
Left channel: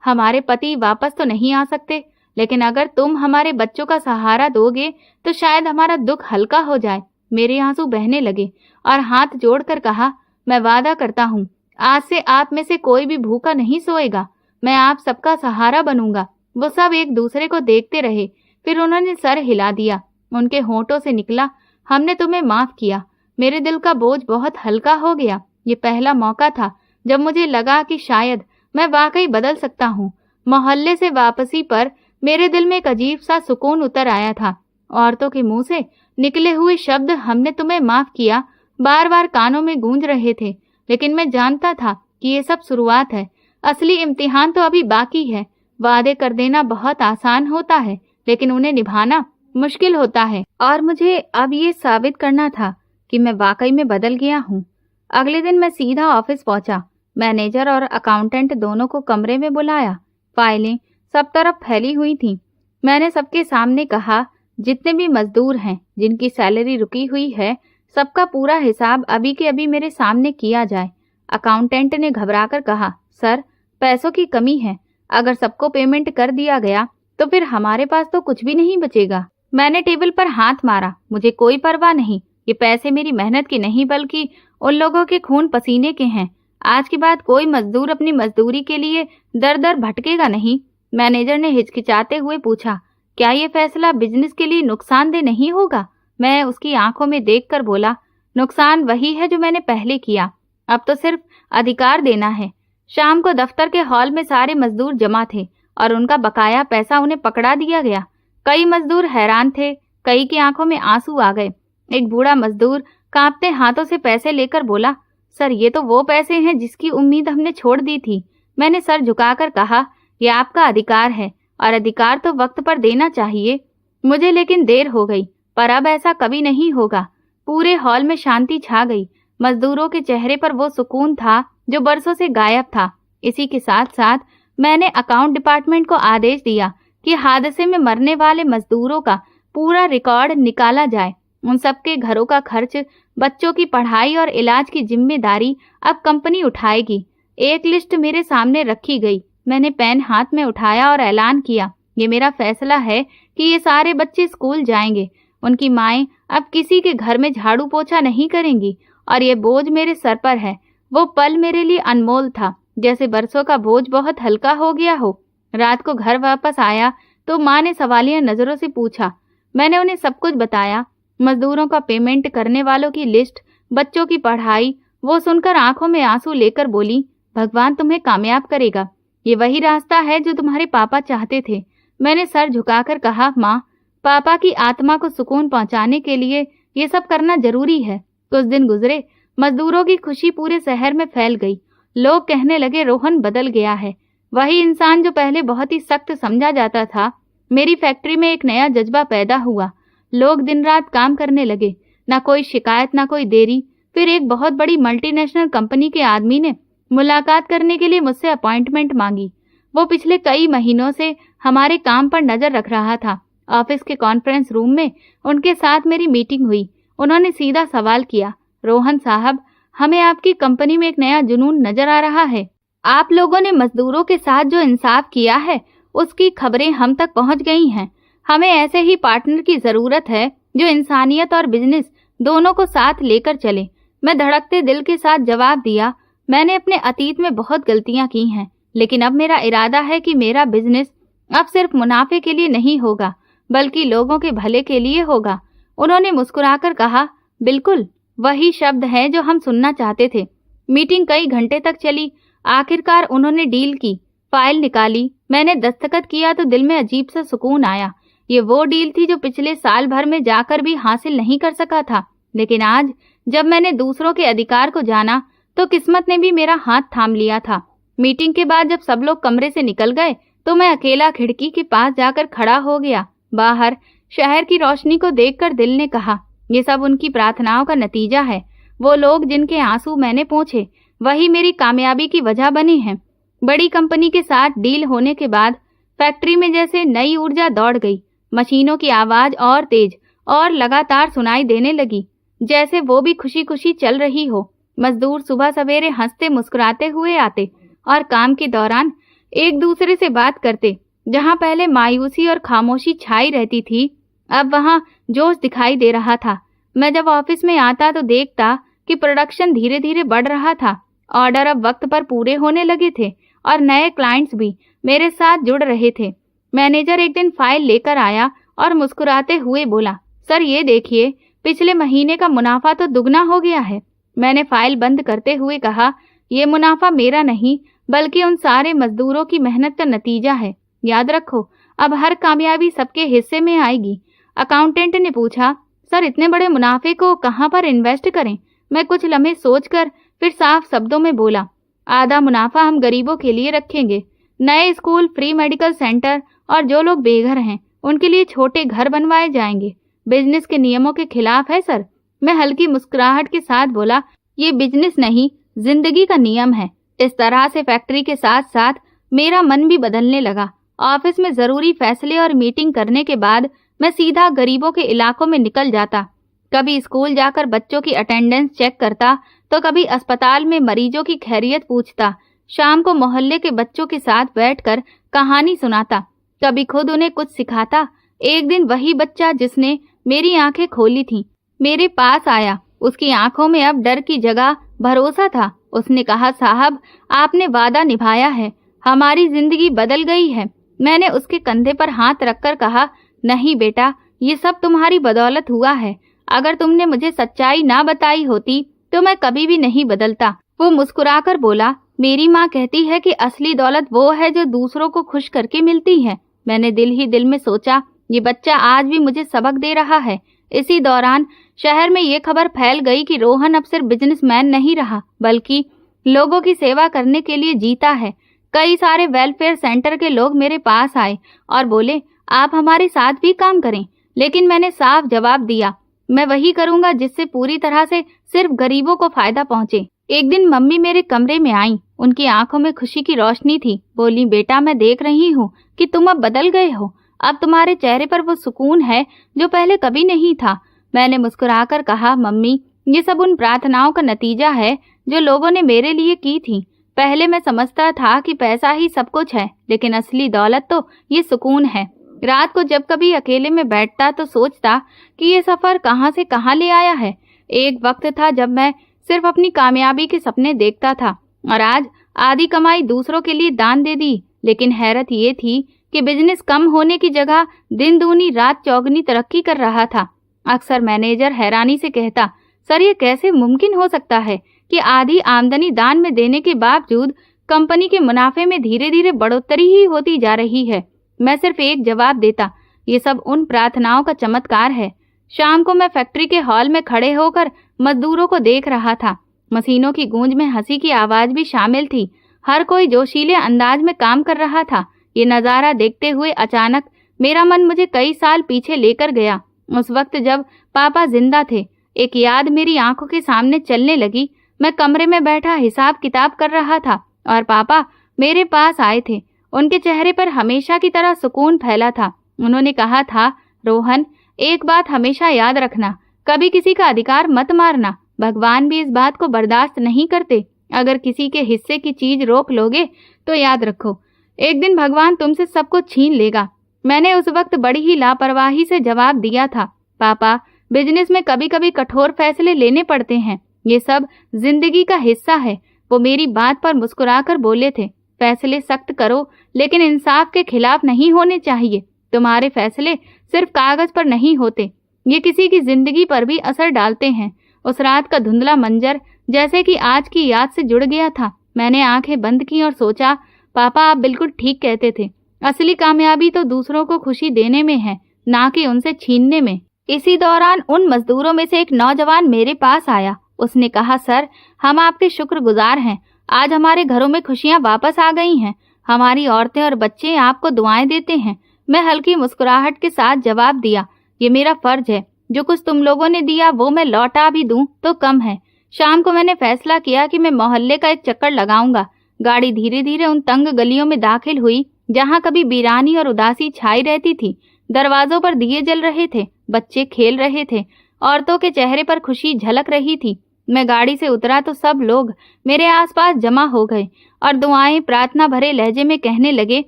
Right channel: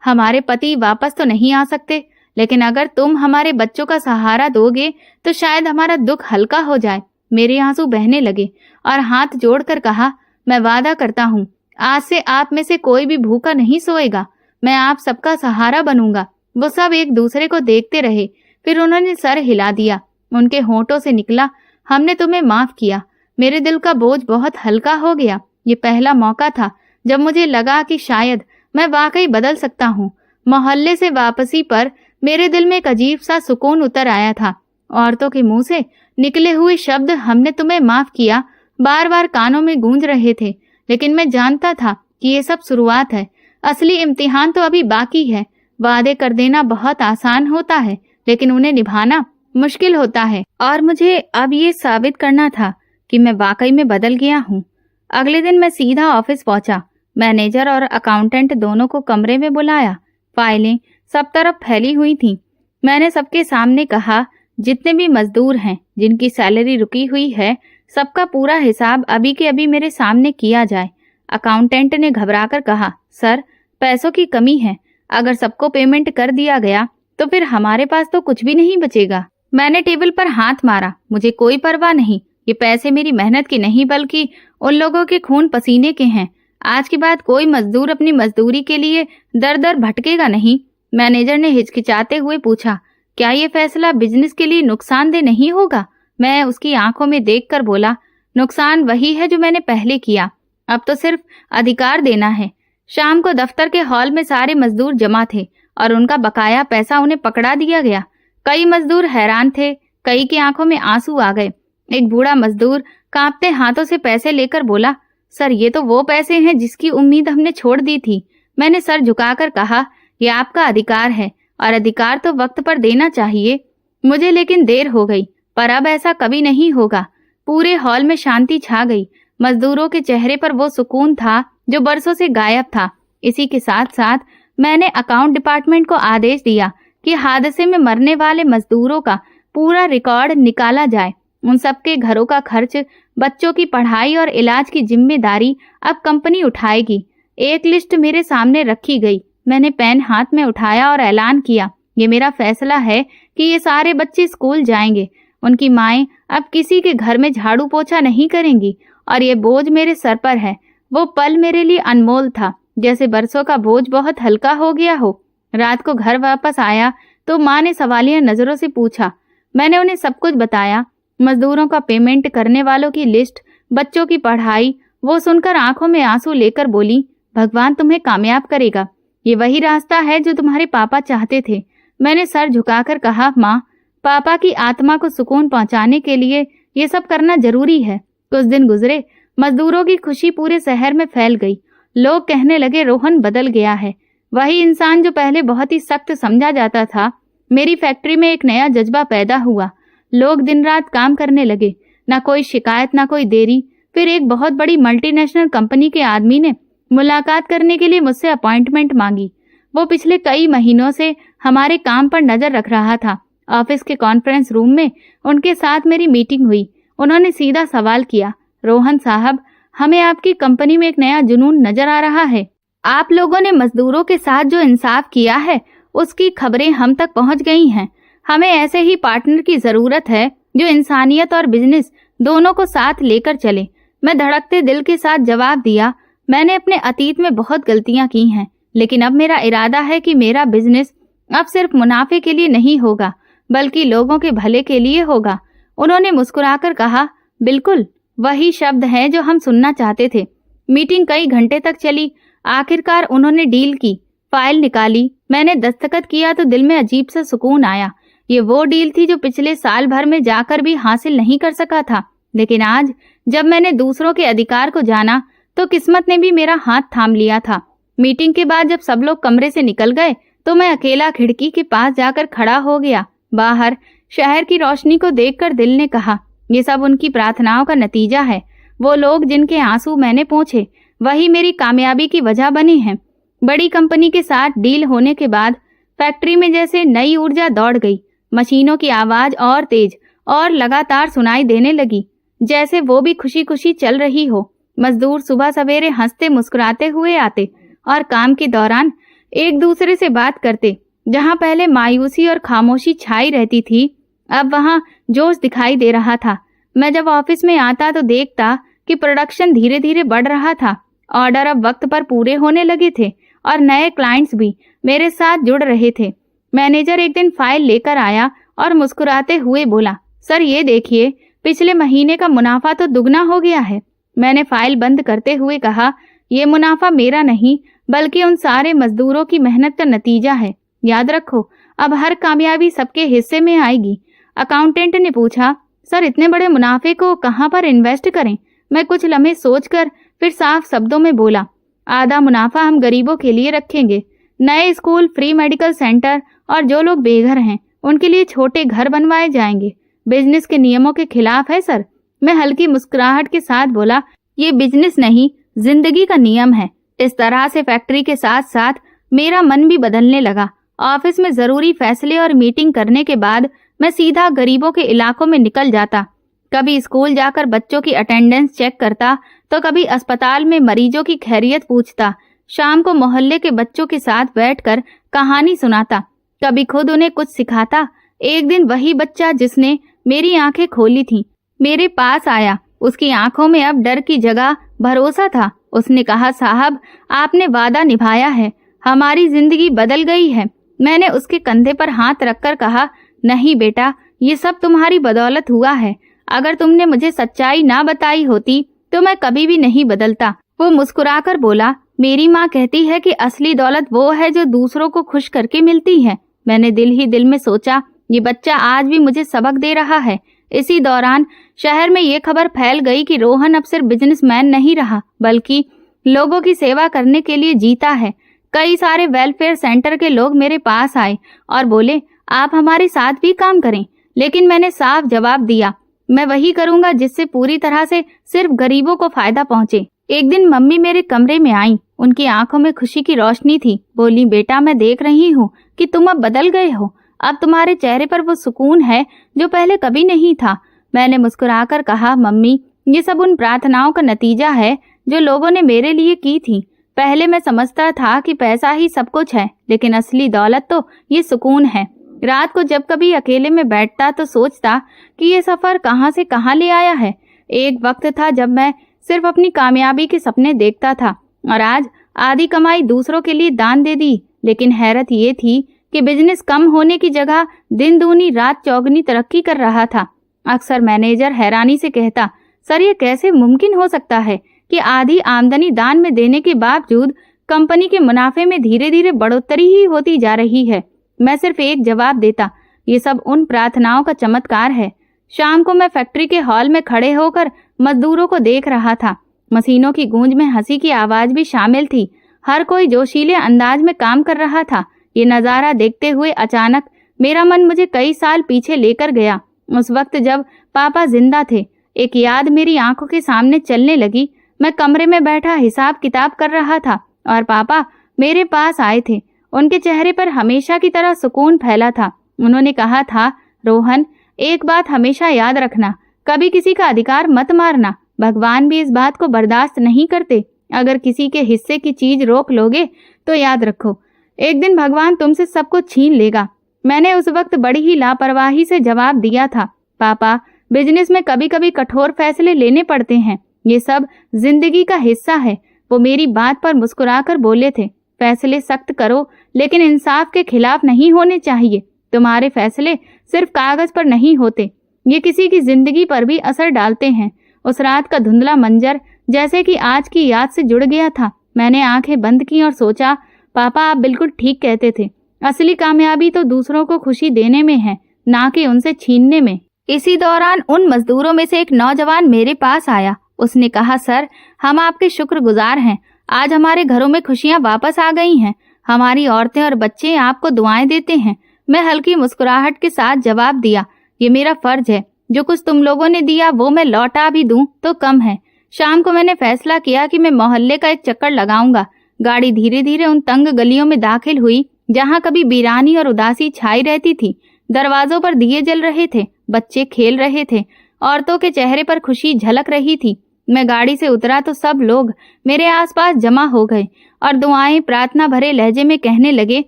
हमारे पति वापस तो नहीं आ सकते, लेकिन अगर तुम हमारे बच्चों का सहारा दोगे तो शायद हमारा दुख हल्का हो जाए। मेरे आंसू बहने लगे और हाथ जोड़कर कहा, मैं वादा करता हूँ, आज से आप में से कोई भी भूखा नहीं सोएगा। मैं आप सबका सहारा बनूंगा। वो सब एक दूसरे को देखते रहे। फिर उन्होंने सर हिला दिया। उनके होंठों से निकला, हमने तुम्हें माफ किया। मेरे दिल का बोझ बहुत हल्का हो गया। ये पहला मौका था जब मुझे लगा कि शायद मैं वाकई बदल सकता हूँ। मोहल्ले से वापसी पर मेरे दिल में एक अजीब सा सुकून उतर आया था। औरतों के मुंह से निकले हुए शब्द हमने तुम्हें माफ किया बार बार कानों में गूंज रहे थे, लेकिन मैं जानता था कि ये सब शुरुआत है। असली इम्तिहान तो अभी बाकी है। वादे कर देना बहुत आसान होता है, लेकिन उन्हें निभाना मुश्किल होता है। और मुझे अब ये साबित करना था कि मैं वाकई में बदल गया हूँ। अगले दिन मैं सीधा ऑफिस पहुंचा। मैनेजर और अकाउंटेंट दोनों को कमरे में बुलाया। फाइलें सब तरफ फैली हुई थीं। मैंने सबके सामने कहा, जितने भी मजदूर हैं जिनकी सैलरी रुकी हुई है, सबका पूरा हिसाब अभी के अभी मेरे सामने किया जाए। अकाउंटेंट ने घबराकर कहा, सर, पैसों की कमी है। अगर सबको पेमेंट कर दिया गया तो फिर हमारे पास तो कुछ भी नहीं बचेगा। मैंने टेबल पर हाथ मारा। मुझे कोई परवाह नहीं। ये पैसे मेरी मेहनत की नहीं बल्कि उन लोगों के खून पसीने के हैं। आज के बाद कोई मजदूर अपनी मजदूरी के लिए दर दर भटकेगा नहीं। मैनेजर ने हिचकिचाते हुए पूछा, क्या ये फैसला बिजनेस के लिए नुकसानदेह नहीं होगा? मैं उसकी आंखों में देखकर बोला, नुकसान वही है जो मैंने पहले किया। अब तो सिर्फ अधिकार देना है। शाम को दफ्तर के हॉल में सारे मजदूर जमा थे और उनका बकाया पैसा उन्हें पकड़ा दिया गया। कई मजदूर हैरान थे, कई की आंखों में आंसू आ गए। एक बूढ़ा मजदूर कांपते हाथों से पैसे लेकर बोला, सर, ये तो वो पैसे हैं जिसकी उम्मीद हमने छोड़ दी थी। मैंने सर झुकाकर कहा, यह आपका अधिकार है और अधिकार तो वक्त पर देना चाहिए। मुझे लेकिन देर हो गई, पर अब ऐसा कभी नहीं होगा। पूरे हॉल में शांति छा गई। मजदूरों के चेहरे पर वो सुकून था जो बरसों से गायब था। इसी के साथ साथ मैंने अकाउंट डिपार्टमेंट को आदेश दिया कि हादसे में मरने वाले मजदूरों का पूरा रिकॉर्ड निकाला जाए। उन सबके घरों का खर्च, बच्चों की पढ़ाई और इलाज की जिम्मेदारी अब कंपनी उठाएगी। एक लिस्ट मेरे सामने रखी गई। मैंने पेन हाथ में उठाया और ऐलान किया, ये मेरा फैसला है कि ये सारे बच्चे स्कूल जाएंगे। उनकी माएं अब किसी के घर में झाड़ू पोछा नहीं करेंगी और ये बोझ मेरे सर पर है। वो पल मेरे लिए अनमोल था, जैसे बरसों का बोझ बहुत हल्का हो गया हो। रात को घर वापस आया तो माँ ने सवालिया नजरों से पूछा। मैंने उन्हें सब कुछ बताया, मजदूरों का पेमेंट करने वालों की लिस्ट, बच्चों की पढ़ाई। वो सुनकर आंखों में आंसू लेकर बोली, भगवान तुम्हें कामयाब करेगा। ये वही रास्ता है जो तुम्हारे पापा चाहते थे। मैंने सर झुकाकर कहा, माँ, पापा की आत्मा को सुकून पहुंचाने के लिए ये सब करना जरूरी है। कुछ दिन गुजरे, मजदूरों की खुशी पूरे शहर में फैल गई। लोग कहने लगे, रोहन बदल गया है। वही इंसान जो पहले बहुत ही सख्त समझा जाता था। मेरी फैक्ट्री में एक नया जज्बा पैदा हुआ। लोग दिन रात काम करने लगे, ना कोई शिकायत, ना कोई देरी। फिर एक बहुत बड़ी मल्टीनेशनल कंपनी के आदमी ने मुलाकात करने के लिए मुझसे अपॉइंटमेंट मांगी। वो पिछले कई महीनों से हमारे काम पर नजर रख रहा था। ऑफिस के कॉन्फ्रेंस रूम में उनके साथ मेरी मीटिंग हुई। उन्होंने सीधा सवाल किया, रोहन साहब, हमें आपकी कंपनी में एक नया जुनून नजर आ रहा है। आप लोगों ने मजदूरों के साथ जो इंसाफ किया है उसकी खबरें हम तक पहुंच गई हैं। हमें ऐसे ही पार्टनर की जरूरत है जो इंसानियत और बिजनेस दोनों को साथ लेकर चले। मैं धड़कते दिल के साथ जवाब दिया, मैंने अपने अतीत में बहुत गलतियां की हैं, लेकिन अब मेरा इरादा है कि मेरा बिजनेस अब सिर्फ मुनाफे के लिए नहीं होगा बल्कि लोगों के भले के लिए होगा। उन्होंने मुस्कुराकर कहा, बिल्कुल वही शब्द हैं जो हम सुनना चाहते थे। मीटिंग कई घंटे तक चली। आखिरकार उन्होंने डील की, फाइल निकाली। मैंने दस्तखत किया तो दिल में अजीब सा सुकून आया। ये वो डील थी जो पिछले साल भर में जाकर भी हासिल नहीं कर सका था। लेकिन आज जब मैंने दूसरों के अधिकार को जाना तो किस्मत ने भी मेरा हाथ थाम लिया था। मीटिंग के बाद जब सब लोग कमरे से निकल गए तो मैं अकेला खिड़की के पास जाकर खड़ा हो गया। बाहर शहर की रोशनी को देखकर दिल ने कहा, ये सब उनकी प्रार्थनाओं का नतीजा है। वो लोग जिनके आंसू मैंने पोंछे वही मेरी कामयाबी की वजह बने हैं। बड़ी कंपनी के साथ डील होने के बाद फैक्ट्री में जैसे नई ऊर्जा दौड़ गई। मशीनों की आवाज और तेज और लगातार सुनाई देने लगी, जैसे वो भी खुशी खुशी चल रही हो। मजदूर सुबह सवेरे हंसते मुस्कुराते हुए आते और काम के दौरान एक दूसरे से बात करते। जहां पहले मायूसी और खामोशी छाई रहती थी, अब वहां जोश दिखाई दे रहा था। मैं जब ऑफिस में आता तो देखता कि प्रोडक्शन धीरे धीरे बढ़ रहा था। ऑर्डर अब वक्त पर पूरे होने लगे थे और नए क्लाइंट्स भी मेरे साथ जुड़ रहे थे। मैनेजर एक दिन फाइल लेकर आया और मुस्कुराते हुए बोला, सर ये देखिए, पिछले महीने का मुनाफा तो दुगना हो गया है। मैंने फाइल बंद करते हुए कहा, ये मुनाफा मेरा नहीं बल्कि उन सारे मजदूरों की मेहनत का नतीजा है। याद रखो, अब हर कामयाबी सबके हिस्से में आएगी। अकाउंटेंट ने पूछा, सर इतने बड़े मुनाफे को कहाँ पर इन्वेस्ट करें? मैं कुछ लम्हे सोचकर फिर साफ शब्दों में बोला, आधा मुनाफा हम गरीबों के लिए रखेंगे। नए स्कूल, फ्री मेडिकल सेंटर और जो लोग बेघर हैं उनके लिए छोटे घर बनवाए जाएंगे। बिजनेस के नियमों के खिलाफ है सर। मैं हल्की मुस्कुराहट के साथ बोला, ये बिजनेस नहीं, जिंदगी का नियम है। इस तरह से फैक्ट्री के साथ साथ मेरा मन भी बदलने लगा। ऑफिस में जरूरी फैसले और मीटिंग करने के बाद मैं सीधा गरीबों के इलाकों में निकल जाता। कभी स्कूल जाकर बच्चों की अटेंडेंस चेक करता तो कभी अस्पताल में मरीजों की खैरियत पूछता। शाम को मोहल्ले के बच्चों के साथ बैठकर कहानी सुनाता, कभी खुद उन्हें कुछ सिखाता। एक दिन वही बच्चा जिसने मेरी आंखें खोली थी मेरे पास आया। उसकी आंखों में अब डर की जगह भरोसा था। उसने कहा, साहब आपने वादा निभाया है, हमारी जिंदगी बदल गई है। मैंने उसके कंधे पर हाथ रखकर कहा, नहीं बेटा, ये सब तुम्हारी बदौलत हुआ है। अगर तुमने मुझे सच्चाई ना बताई होती तो मैं कभी भी नहीं बदलता। वो मुस्कुराकर बोला, मेरी माँ कहती है कि असली दौलत वो है जो दूसरों को खुश करके मिलती है। मैंने दिल ही दिल में सोचा, ये बच्चा आज भी मुझे सबक दे रहा है। इसी दौरान शहर में ये खबर फैल गई कि रोहन अब सिर्फ बिजनेसमैन नहीं रहा बल्कि लोगों की सेवा करने के लिए जीता है। कई सारे वेलफेयर सेंटर के लोग मेरे पास आए और बोले, आप हमारे साथ भी काम करें। लेकिन मैंने साफ जवाब दिया, मैं वही करूंगा जिससे पूरी तरह से सिर्फ गरीबों को फायदा पहुंचे। एक दिन मम्मी मेरे कमरे में आई। उनकी आंखों में खुशी की रोशनी थी। बोली, बेटा मैं देख रही हूँ कि तुम अब बदल गए हो। अब तुम्हारे चेहरे पर वो सुकून है जो पहले कभी नहीं था। मैंने मुस्कुराकर कहा, मम्मी ये सब उन प्रार्थनाओं का नतीजा है जो लोगों ने मेरे लिए की थी। पहले मैं समझता था कि पैसा ही सब कुछ है, लेकिन असली दौलत तो ये सुकून है। रात को जब कभी अकेले में बैठता तो सोचता कि ये सफर कहाँ से कहाँ ले आया है। एक वक्त था जब मैं सिर्फ अपनी कामयाबी के सपने देखता था और आज आधी कमाई दूसरों के लिए दान दे दी। लेकिन हैरत ये थी कि बिजनेस कम होने की जगह दिन दूनी रात चौगनी तरक्की कर रहा था। अक्सर मैनेजर हैरानी से कहता, सर ये कैसे मुमकिन हो सकता है कि आधी आमदनी दान में देने के बावजूद कंपनी के मुनाफे में धीरे धीरे बढ़ोतरी ही होती जा रही है। मैं सिर्फ एक जवाब देता, ये सब उन प्रार्थनाओं का चमत्कार है। शाम को मैं फैक्ट्री के हॉल में खड़े होकर मजदूरों को देख रहा था। मशीनों की गूंज में हंसी की आवाज भी शामिल थी। हर कोई जोशीले अंदाज में काम कर रहा था। ये नजारा देखते हुए अचानक मेरा मन मुझे कई साल पीछे लेकर गया। उस वक्त जब पापा जिंदा थे। एक याद मेरी आंखों के सामने चलने लगी। मैं कमरे में बैठा हिसाब किताब कर रहा था और पापा मेरे पास आए थे। उनके चेहरे पर हमेशा की तरह सुकून फैला था। उन्होंने कहा था, रोहन एक बात हमेशा याद रखना, कभी किसी का अधिकार मत मारना। भगवान भी इस बात को बर्दाश्त नहीं करते। अगर किसी के हिस्से की चीज रोक लोगे तो याद रखो, एक दिन भगवान तुमसे सब कुछ छीन लेगा। मैंने उस वक्त बड़ी ही लापरवाही से जवाब दिया था, पापा बिजनेस में कभी कभी कठोर फैसले लेने पड़ते हैं, ये सब जिंदगी का हिस्सा है। वो मेरी बात पर मुस्कुराकर बोले थे, फैसले सख्त करो लेकिन इंसाफ के खिलाफ नहीं होने चाहिए। तुम्हारे फैसले सिर्फ कागज पर नहीं होते, ये किसी की जिंदगी पर भी असर डालते हैं। उस रात का धुंधला मंजर जैसे कि आज की याद से जुड़ गया था। मैंने आंखें बंद की और सोचा, पापा आप बिल्कुल ठीक कहते थे। असली कामयाबी तो दूसरों को खुशी देने में है, ना कि उनसे छीनने में। इसी दौरान उन मजदूरों में से एक नौजवान मेरे पास आया। उसने कहा, सर हम आपके शुक्रगुजार हैं। आज हमारे घरों में खुशियां वापस आ गई हैं। हमारी औरतें और बच्चे आपको दुआएं देते हैं। मैं हल्की मुस्कुराहट के साथ जवाब दिया, ये मेरा फर्ज है। जो कुछ तुम लोगों ने दिया वो मैं लौटा भी दूं तो कम है। शाम को मैंने फैसला किया कि मैं मोहल्ले का एक चक्कर लगाऊंगा। गाड़ी धीरे धीरे उन तंग गलियों में दाखिल हुई जहां कभी वीरानी और उदासी छाई रहती थी। दरवाजों पर दिए जल रहे थे, बच्चे खेल रहे थे, औरतों के चेहरे पर खुशी झलक रही थी। मैं गाड़ी से उतरा तो सब लोग मेरे आसपास जमा हो गए और दुआएं प्रार्थना भरे लहजे में कहने लगे,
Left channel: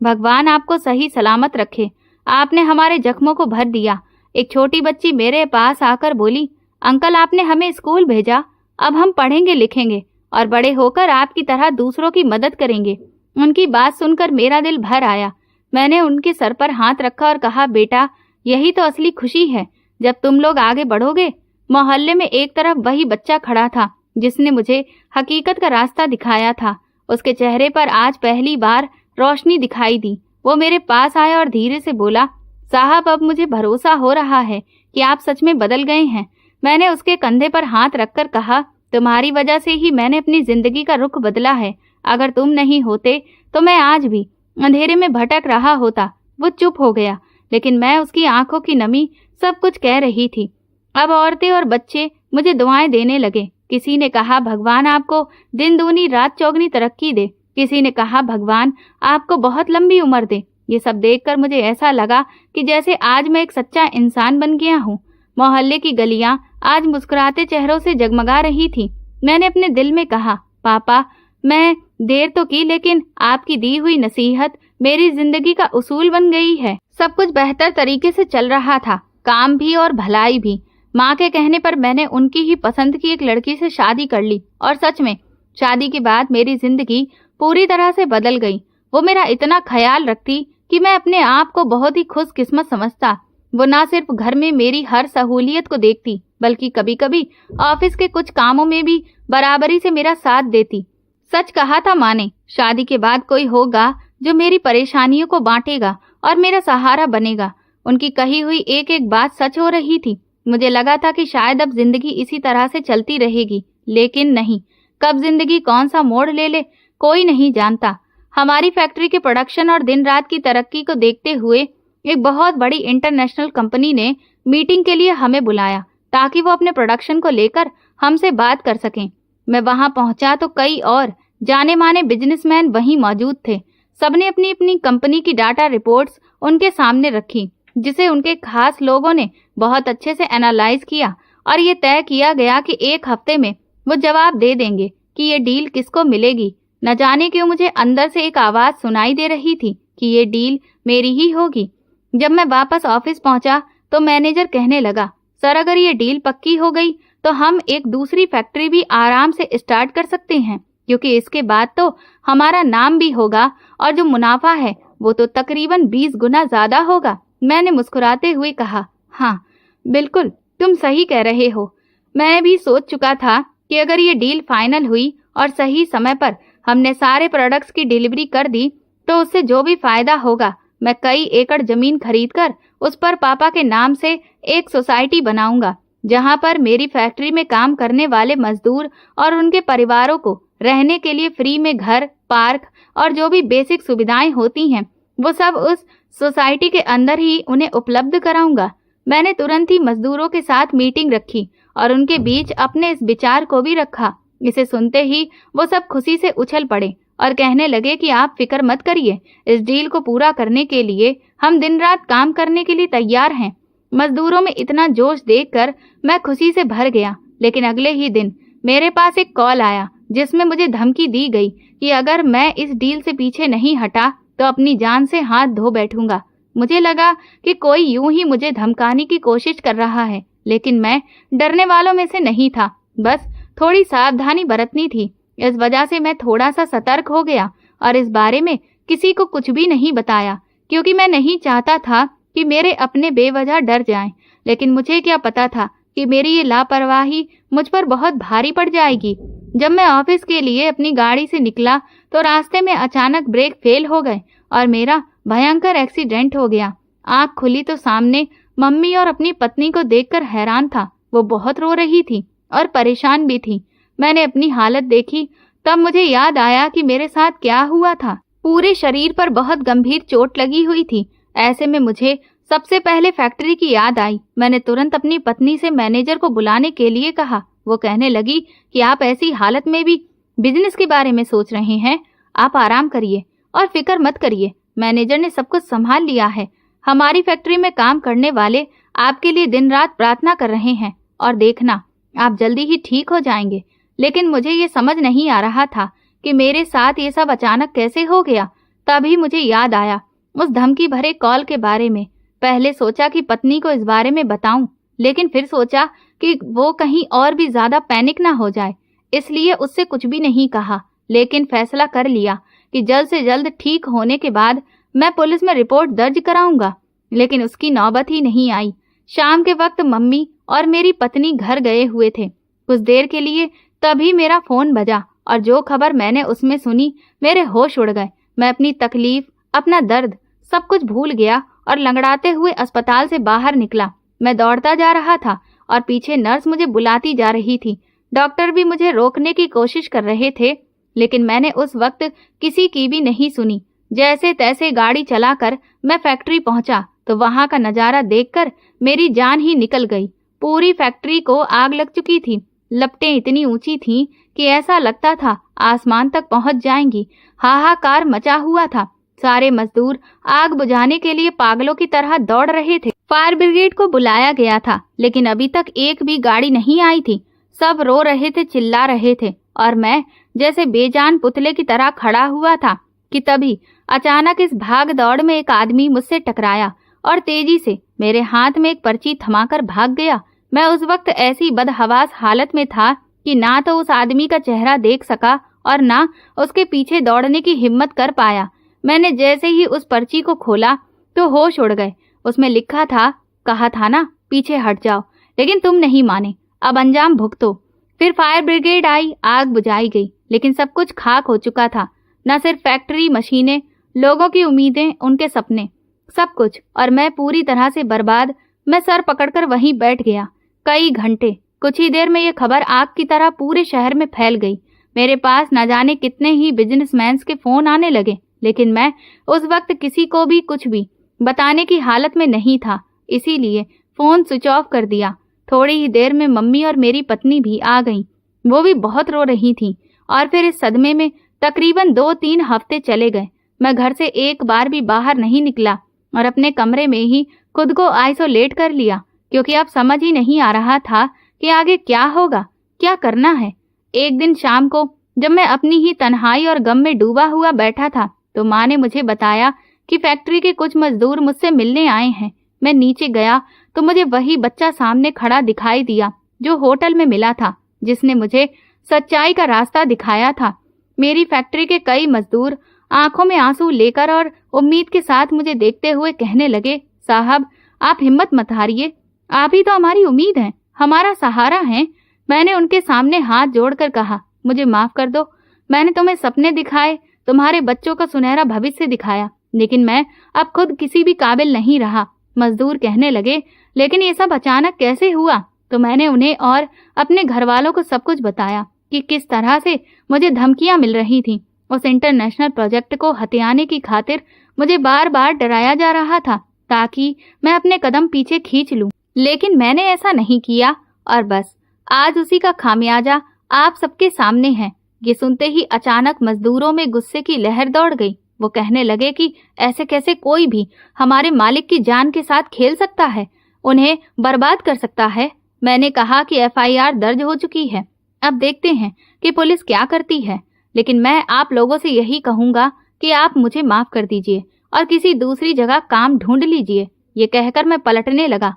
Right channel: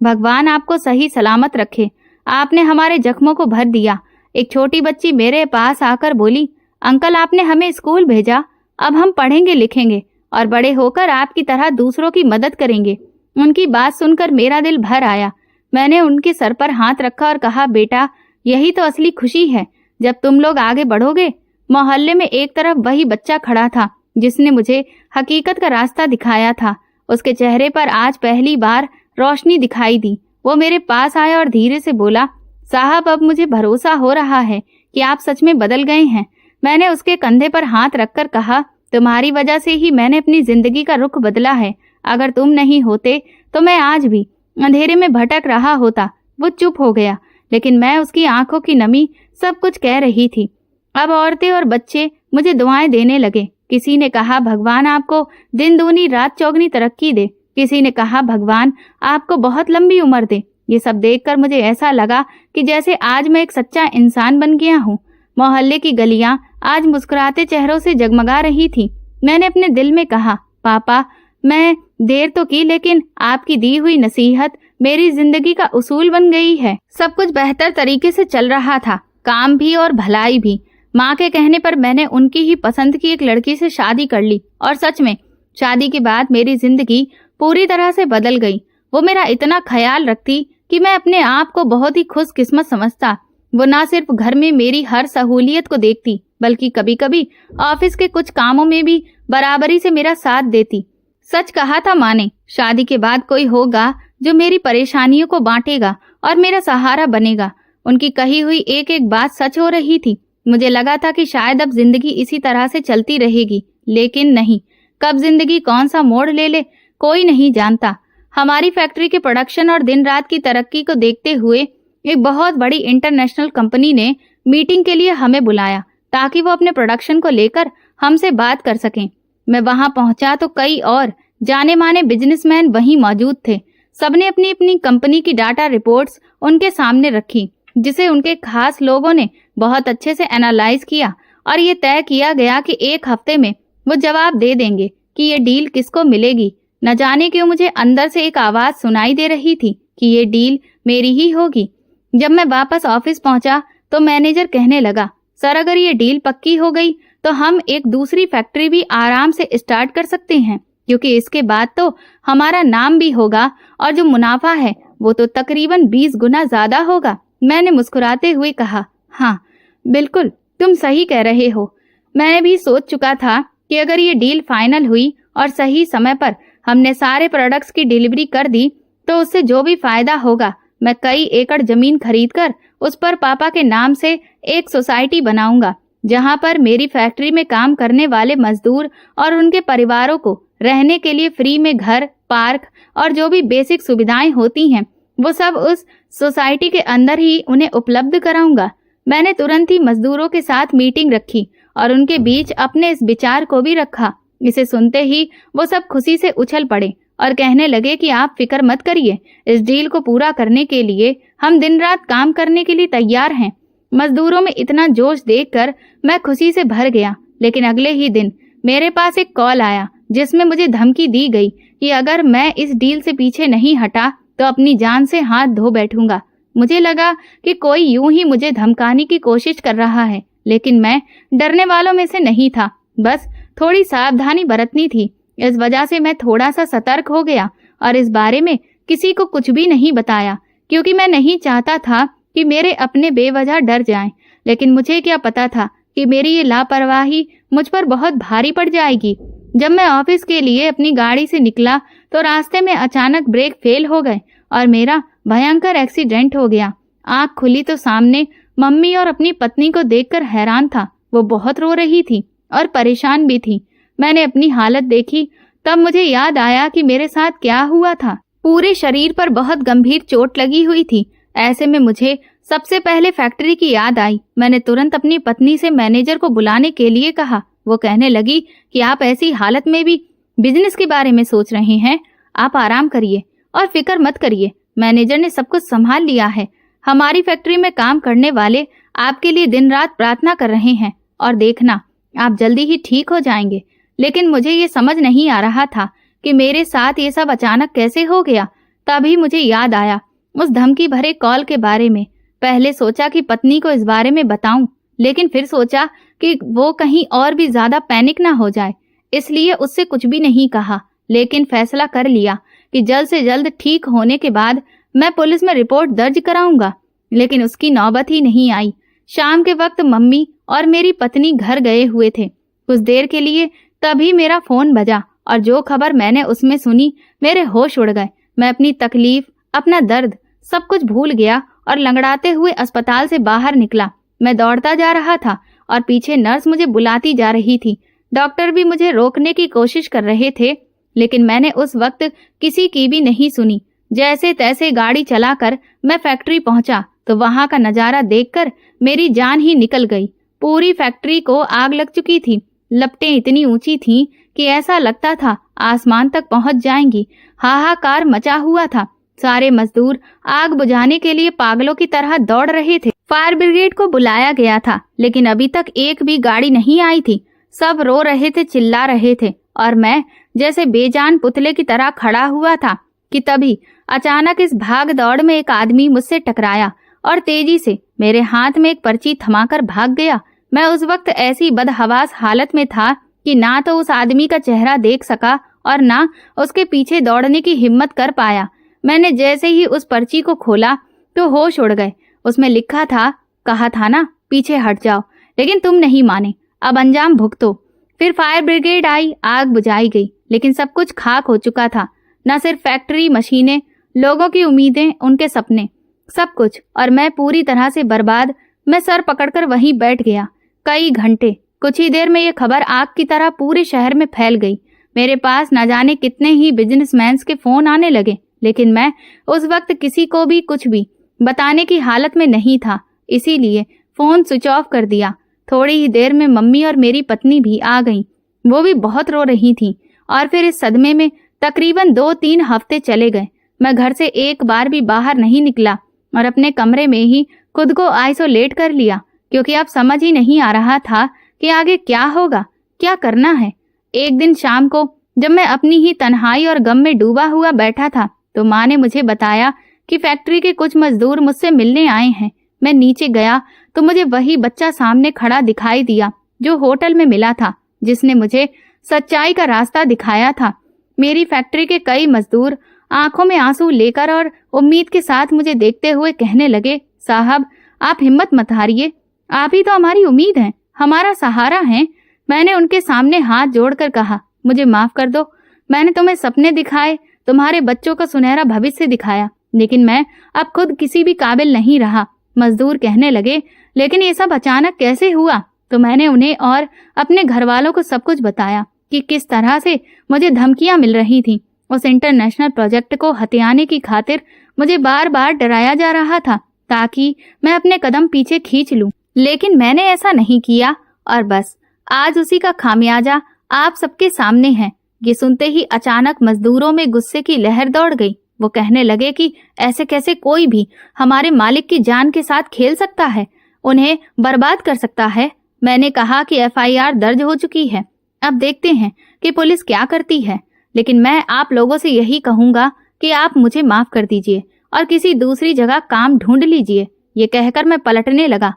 भगवान आपको सही सलामत रखे, आपने हमारे जख्मों को भर दिया। एक छोटी बच्ची मेरे पास आकर बोली, अंकल आपने हमें स्कूल भेजा, अब हम पढ़ेंगे लिखेंगे और बड़े होकर आपकी तरह दूसरों की मदद करेंगे। उनकी बात सुनकर मेरा दिल भर आया। मैंने उनके सर पर हाथ रखा और कहा, बेटा, यही तो असली खुशी है जब तुम लोग आगे बढ़ोगे। मोहल्ले में एक तरफ वही बच्चा खड़ा था जिसने मुझे हकीकत का रास्ता दिखाया था। उसके चेहरे पर आज पहली बार रोशनी दिखाई दी। वो मेरे पास आया और धीरे से बोला, साहब, अब मुझे भरोसा हो रहा है कि आप सच में बदल गए हैं। मैंने उसके कंधे पर हाथ रखकर कहा, तुम्हारी वजह से ही मैंने अपनी जिंदगी का रुख बदला है। अगर तुम नहीं होते तो मैं आज भी अंधेरे में भटक रहा होता। वो चुप हो गया, लेकिन मैं उसकी आंखों की नमी सब कुछ कह रही थी। अब औरतें और बच्चे मुझे दुआएं देने लगे। किसी ने कहा, भगवान आपको दिन दूनी रात चौगनी तरक्की दे। किसी ने कहा, भगवान आपको बहुत लंबी उम्र दे। ये सब देखकर मुझे ऐसा लगा कि जैसे आज मैं एक सच्चा इंसान बन गया हूँ। मोहल्ले की गलियां आज मुस्कुराते चेहरों से जगमगा रही थी। मैंने अपने दिल में कहा, पापा, मैं देर तो की, लेकिन आपकी दी हुई नसीहत मेरी जिंदगी का उसूल बन गई है। सब कुछ बेहतर तरीके से चल रहा था, काम भी और भलाई भी। माँ के कहने पर मैंने उनकी ही पसंद की एक लड़की से शादी कर ली और सच में शादी के बाद मेरी जिंदगी पूरी तरह से बदल गई। वो मेरा इतना ख्याल रखती कि मैं अपने आप को बहुत ही खुशकिस्मत समझता। वो ना सिर्फ घर में मेरी हर सहूलियत को देखती, बल्कि कभी कभी ऑफिस के कुछ कामों में भी बराबरी से मेरा साथ देती। सच कहा था माँ ने, शादी के बाद कोई होगा जो मेरी परेशानियों को बांटेगा और मेरा सहारा बनेगा। उनकी कही हुई एक एक बात सच हो रही थी। मुझे लगा था कि शायद अब जिंदगी इसी तरह से चलती रहेगी, लेकिन नहीं। कब जिंदगी कौन सा मोड़ ले ले कोई नहीं जानता। हमारी फैक्ट्री के प्रोडक्शन और दिन रात की तरक्की को देखते हुए एक बहुत बड़ी इंटरनेशनल कंपनी ने मीटिंग के लिए हमें बुलाया ताकि वो अपने प्रोडक्शन को लेकर हमसे बात कर सकें। मैं वहां पहुंचा तो कई और जाने माने बिजनेसमैन वहीं मौजूद थे। सबने अपनी अपनी कंपनी की डाटा रिपोर्ट्स उनके सामने रखी, जिसे उनके खास लोगों ने बहुत अच्छे से एनालाइज किया और ये तय किया गया कि एक हफ्ते में वो जवाब दे देंगे कि ये डील किसको मिलेगी। न जाने क्यों मुझे अंदर से एक आवाज सुनाई दे रही थी कि ये डील मेरी ही होगी। जब मैं वापस ऑफिस पहुंचा तो मैनेजर कहने लगा, सर, अगर ये डील पक्की हो गई तो हम एक दूसरी फैक्ट्री भी आराम से स्टार्ट कर सकते हैं, क्योंकि इसके बाद तो हमारा नाम भी होगा और जो मुनाफा है वो तो तकरीबन 20 गुना ज्यादा होगा। मैंने मुस्कुराते हुए कहा, हाँ बिल्कुल, तुम सही कह रहे हो। मैं भी सोच चुका था कि अगर ये डील फाइनल हुई और सही समय पर हमने सारे प्रोडक्ट्स की डिलीवरी कर दी तो उससे जो भी फायदा होगा, मैं कई एकड़ जमीन खरीदकर उस पर पापा के नाम से एक सोसाइटी बनाऊंगा, जहां पर मेरी फैक्ट्री में काम करने वाले मजदूर और उनके परिवारों को रहने के लिए फ्री में घर, पार्क और जो भी बेसिक सुविधाएं होती हैं वो सब उस सोसाइटी के अंदर ही उन्हें उपलब्ध कराऊंगा। मैंने तुरंत ही मजदूरों के साथ मीटिंग रखी और उनके बीच अपने इस विचार को भी रखा। इसे सुनते ही वो सब खुशी से उछल पड़े और कहने लगे कि आप फिक्र मत करिए, इस डील को पूरा करने के लिए हम दिन रात काम करने के लिए तैयार हैं। मजदूरों में इतना जोश देखकर मैं खुशी से भर गया। लेकिन अगले ही दिन मेरे पास एक कॉल आया जिसमें मुझे धमकी दी गई कि अगर मैं इस डील से पीछे नहीं हटा तो अपनी जान से हाथ धो बैठूंगा। मुझे लगा कि कोई यूं ही मुझे धमकाने की कोशिश कर रहा है, लेकिन मैं डरने वालों में से नहीं था। बस थोड़ी सावधानी बरतनी थी। इस वजह से मैं थोड़ा सा सतर्क हो गया और इस बारे में किसी को कुछ भी नहीं बताया, क्योंकि मैं नहीं चाहता था कि मेरे अपने बेवजह डर जाएं। लेकिन मुझे क्या पता था कि मेरी ये लापरवाही मुझ पर बहुत भारी पड़ जाएगी। जब मैं ऑफिस के लिए अपनी गाड़ी से निकला तो रास्ते में अचानक ब्रेक फेल हो गए और मेरा भयंकर एक्सीडेंट हो गया। आंख खुली तो सामने मम्मी और अपनी पत्नी को देखकर हैरान था। वो बहुत रो रही थी और परेशान भी थी। मैंने अपनी हालत देखी तब मुझे याद आया कि मेरे साथ क्या हुआ था। पूरे शरीर पर बहुत गंभीर चोट लगी हुई थी। ऐसे में मुझे सबसे पहले फैक्ट्री की याद आई। मैंने तुरंत अपनी पत्नी से मैनेजर को बुलाने के लिए कहा। वो कहने लगी कि आप ऐसी हालत में भी बिजनेस के बारे में सोच रहे हैं, आप आराम करिए और फिक्र मत करिए, मैनेजर ने सब कुछ संभाल लिया है। हमारी फैक्ट्री में काम करने वाले आपके लिए दिन रात प्रार्थना कर रहे हैं और देखना आप जल्दी ही ठीक हो जाएंगे। लेकिन मुझे ये समझ नहीं आ रहा था कि मेरे साथ ये सब अचानक कैसे हो गया। तभी मुझे याद आया उस धमकी भरे कॉल के बारे में। पहले सोचा कि पत्नी को इस बारे में बताऊं, लेकिन फिर सोचा कि वो कहीं और भी ज्यादा पैनिक ना हो जाए, इसलिए उससे कुछ भी नहीं कहा। लेकिन फैसला कर लिया कि जल्द से जल्द ठीक होने के बाद मैं पुलिस में रिपोर्ट दर्ज कराऊंगा। लेकिन उसकी नौबत ही नहीं आई। शाम के वक्त मम्मी और मेरी पत्नी घर गए हुए थे। कुछ देर के लिए तभी मेरा फोन बजा और जो खबर मैंने उसमें सुनी, मेरे होश उड़ गए। मैं अपनी तकलीफ, अपना दर्द सब कुछ भूल गया और लंगड़ाते हुए अस्पताल से बाहर निकला। मैं दौड़ता जा रहा था और पीछे नर्स मुझे बुलाती जा रही थी। डॉक्टर भी मुझे रोकने की कोशिश कर रहे थे, लेकिन मैंने उस वक्त किसी की भी नहीं सुनी। जैसे तैसे गाड़ी चलाकर मैं फैक्ट्री पहुंचा तो वहां का नजारा देखकर मेरी जान ही निकल गई। पूरी फैक्ट्री को आग लग चुकी थी। लपटें इतनी ऊंची थीं कि ऐसा लगता था आसमान तक पहुंच जाएंगी। हाहाकार मचा हुआ था। सारे मजदूर आग बुझाने के लिए पागलों की तरह दौड़ रहे थे। फायर ब्रिगेड को बुलाया गया था, लेकिन अभी तक एक भी गाड़ी नहीं आई थी। सब रो रहे थे, चिल्ला रहे थे और मैं जैसे बेजान पुतले की तरह खड़ा हुआ था कि तभी अचानक इस भाग दौड़ में एक आदमी मुझसे टकराया और तेजी से मेरे हाथ में एक पर्ची थमाकर भाग गया। मैं उस वक्त ऐसी बदहवास हालत में था कि ना तो उस आदमी का चेहरा देख सका और ना उसके पीछे दौड़ने की हिम्मत कर पाया। मैंने जैसे ही उस पर्ची को खोला तो होश उड़ गए। उसमें लिखा था, कहा था ना पीछे हट जाओ, लेकिन तुम नहीं माने, अब अंजाम भुगतो। फिर फायर ब्रिगेड आई, आग बुझाई गई, लेकिन सब कुछ खाक हो चुका था। न सिर्फ फैक्ट्री, मशीनें, लोगों की उम्मीदें, उनके सपने, सब कुछ। और मैं पूरी तरह से बर्बाद। मैं सर पकड़कर वहीं बैठ गया। कई घंटे, कुछ ही देर में ये खबर आग की तरह पूरे शहर में फैल गई। मेरे पास न जाने कितने ही बिजनेसमैन के फोन आने लगे, लेकिन मैं उस वक्त किसी को भी कुछ भी बताने की हालत में नहीं था, इसीलिए फोन स्विच ऑफ कर दिया। थोड़ी ही देर में मम्मी और मेरी पत्नी भी आ गईं। वो भी बहुत रो रही थीं। और फिर इस सदमे में तकरीबन 2-3 हफ्ते चले गए। मैं घर से एक बार भी बाहर नहीं निकला और अपने कमरे में ही खुद को आइसोलेट कर लिया, क्योंकि अब समझ ही नहीं आ रहा था कि आगे क्या होगा, क्या करना है। एक दिन शाम को जब मैं अपनी ही तन्हाई और गम में डूबा हुआ बैठा था तो माँ ने मुझे बताया कि फैक्ट्री के कुछ मजदूर मुझसे मिलने आए हैं। मैं नीचे गया तो मुझे वही बच्चा सामने खड़ा दिखाई दिया जो होटल में मिला था, जिसने मुझे सच्चाई का रास्ता दिखाया था। मेरी फैक्ट्री के कई मजदूर आंखों में आंसू लेकर और उम्मीद के साथ मुझे देखते हुए कहने लगे, साहब आप हिम्मत मत हारिए, आप ही तो हमारी उम्मीद हैं, हमारा सहारा हैं। मैंने उनके सामने हाथ जोड़कर कहा, मुझे माफ कर दो, मैंने तुम्हें सपने दिखाए, तुम्हारे बच्चों का सुनहरा भविष्य दिखाया, लेकिन मैं अब खुद किसी भी काबिल नहीं रहा। मजदूर कहने लगे, लेकिन ये सब अचानक कैसे हुआ? तो मैंने उन्हें और अपने घर वालों को सब कुछ बताया कि किस तरह से मुझे धमकियां मिल रही थी। उस इंटरनेशनल प्रोजेक्ट को हथियाने की खातिर मुझे बार बार डराया जा रहा था ताकि मैं अपने कदम पीछे खींच लूं, लेकिन मैंने ऐसा नहीं किया और बस आज उसी का खामियाजा आप सबके सामने है। ये सुनते ही अचानक मजदूरों में गुस्से की लहर दौड़ गई। वो कहने लगे कि ऐसे कैसे कोई भी हमारे मालिक की जान के साथ खेल सकता है, उन्हें बर्बाद कर सकता है। मैंने कहा कि FIR दर्ज हो चुकी है, अब देखते हैं कि पुलिस क्या करती है, लेकिन मैं आप लोगों से यही कहूंगा कि आप मुझे माफ कर दीजिए और किसी दूसरी जगह काम ढूंढ लीजिए। ये कहकर मैं पलटने लगा,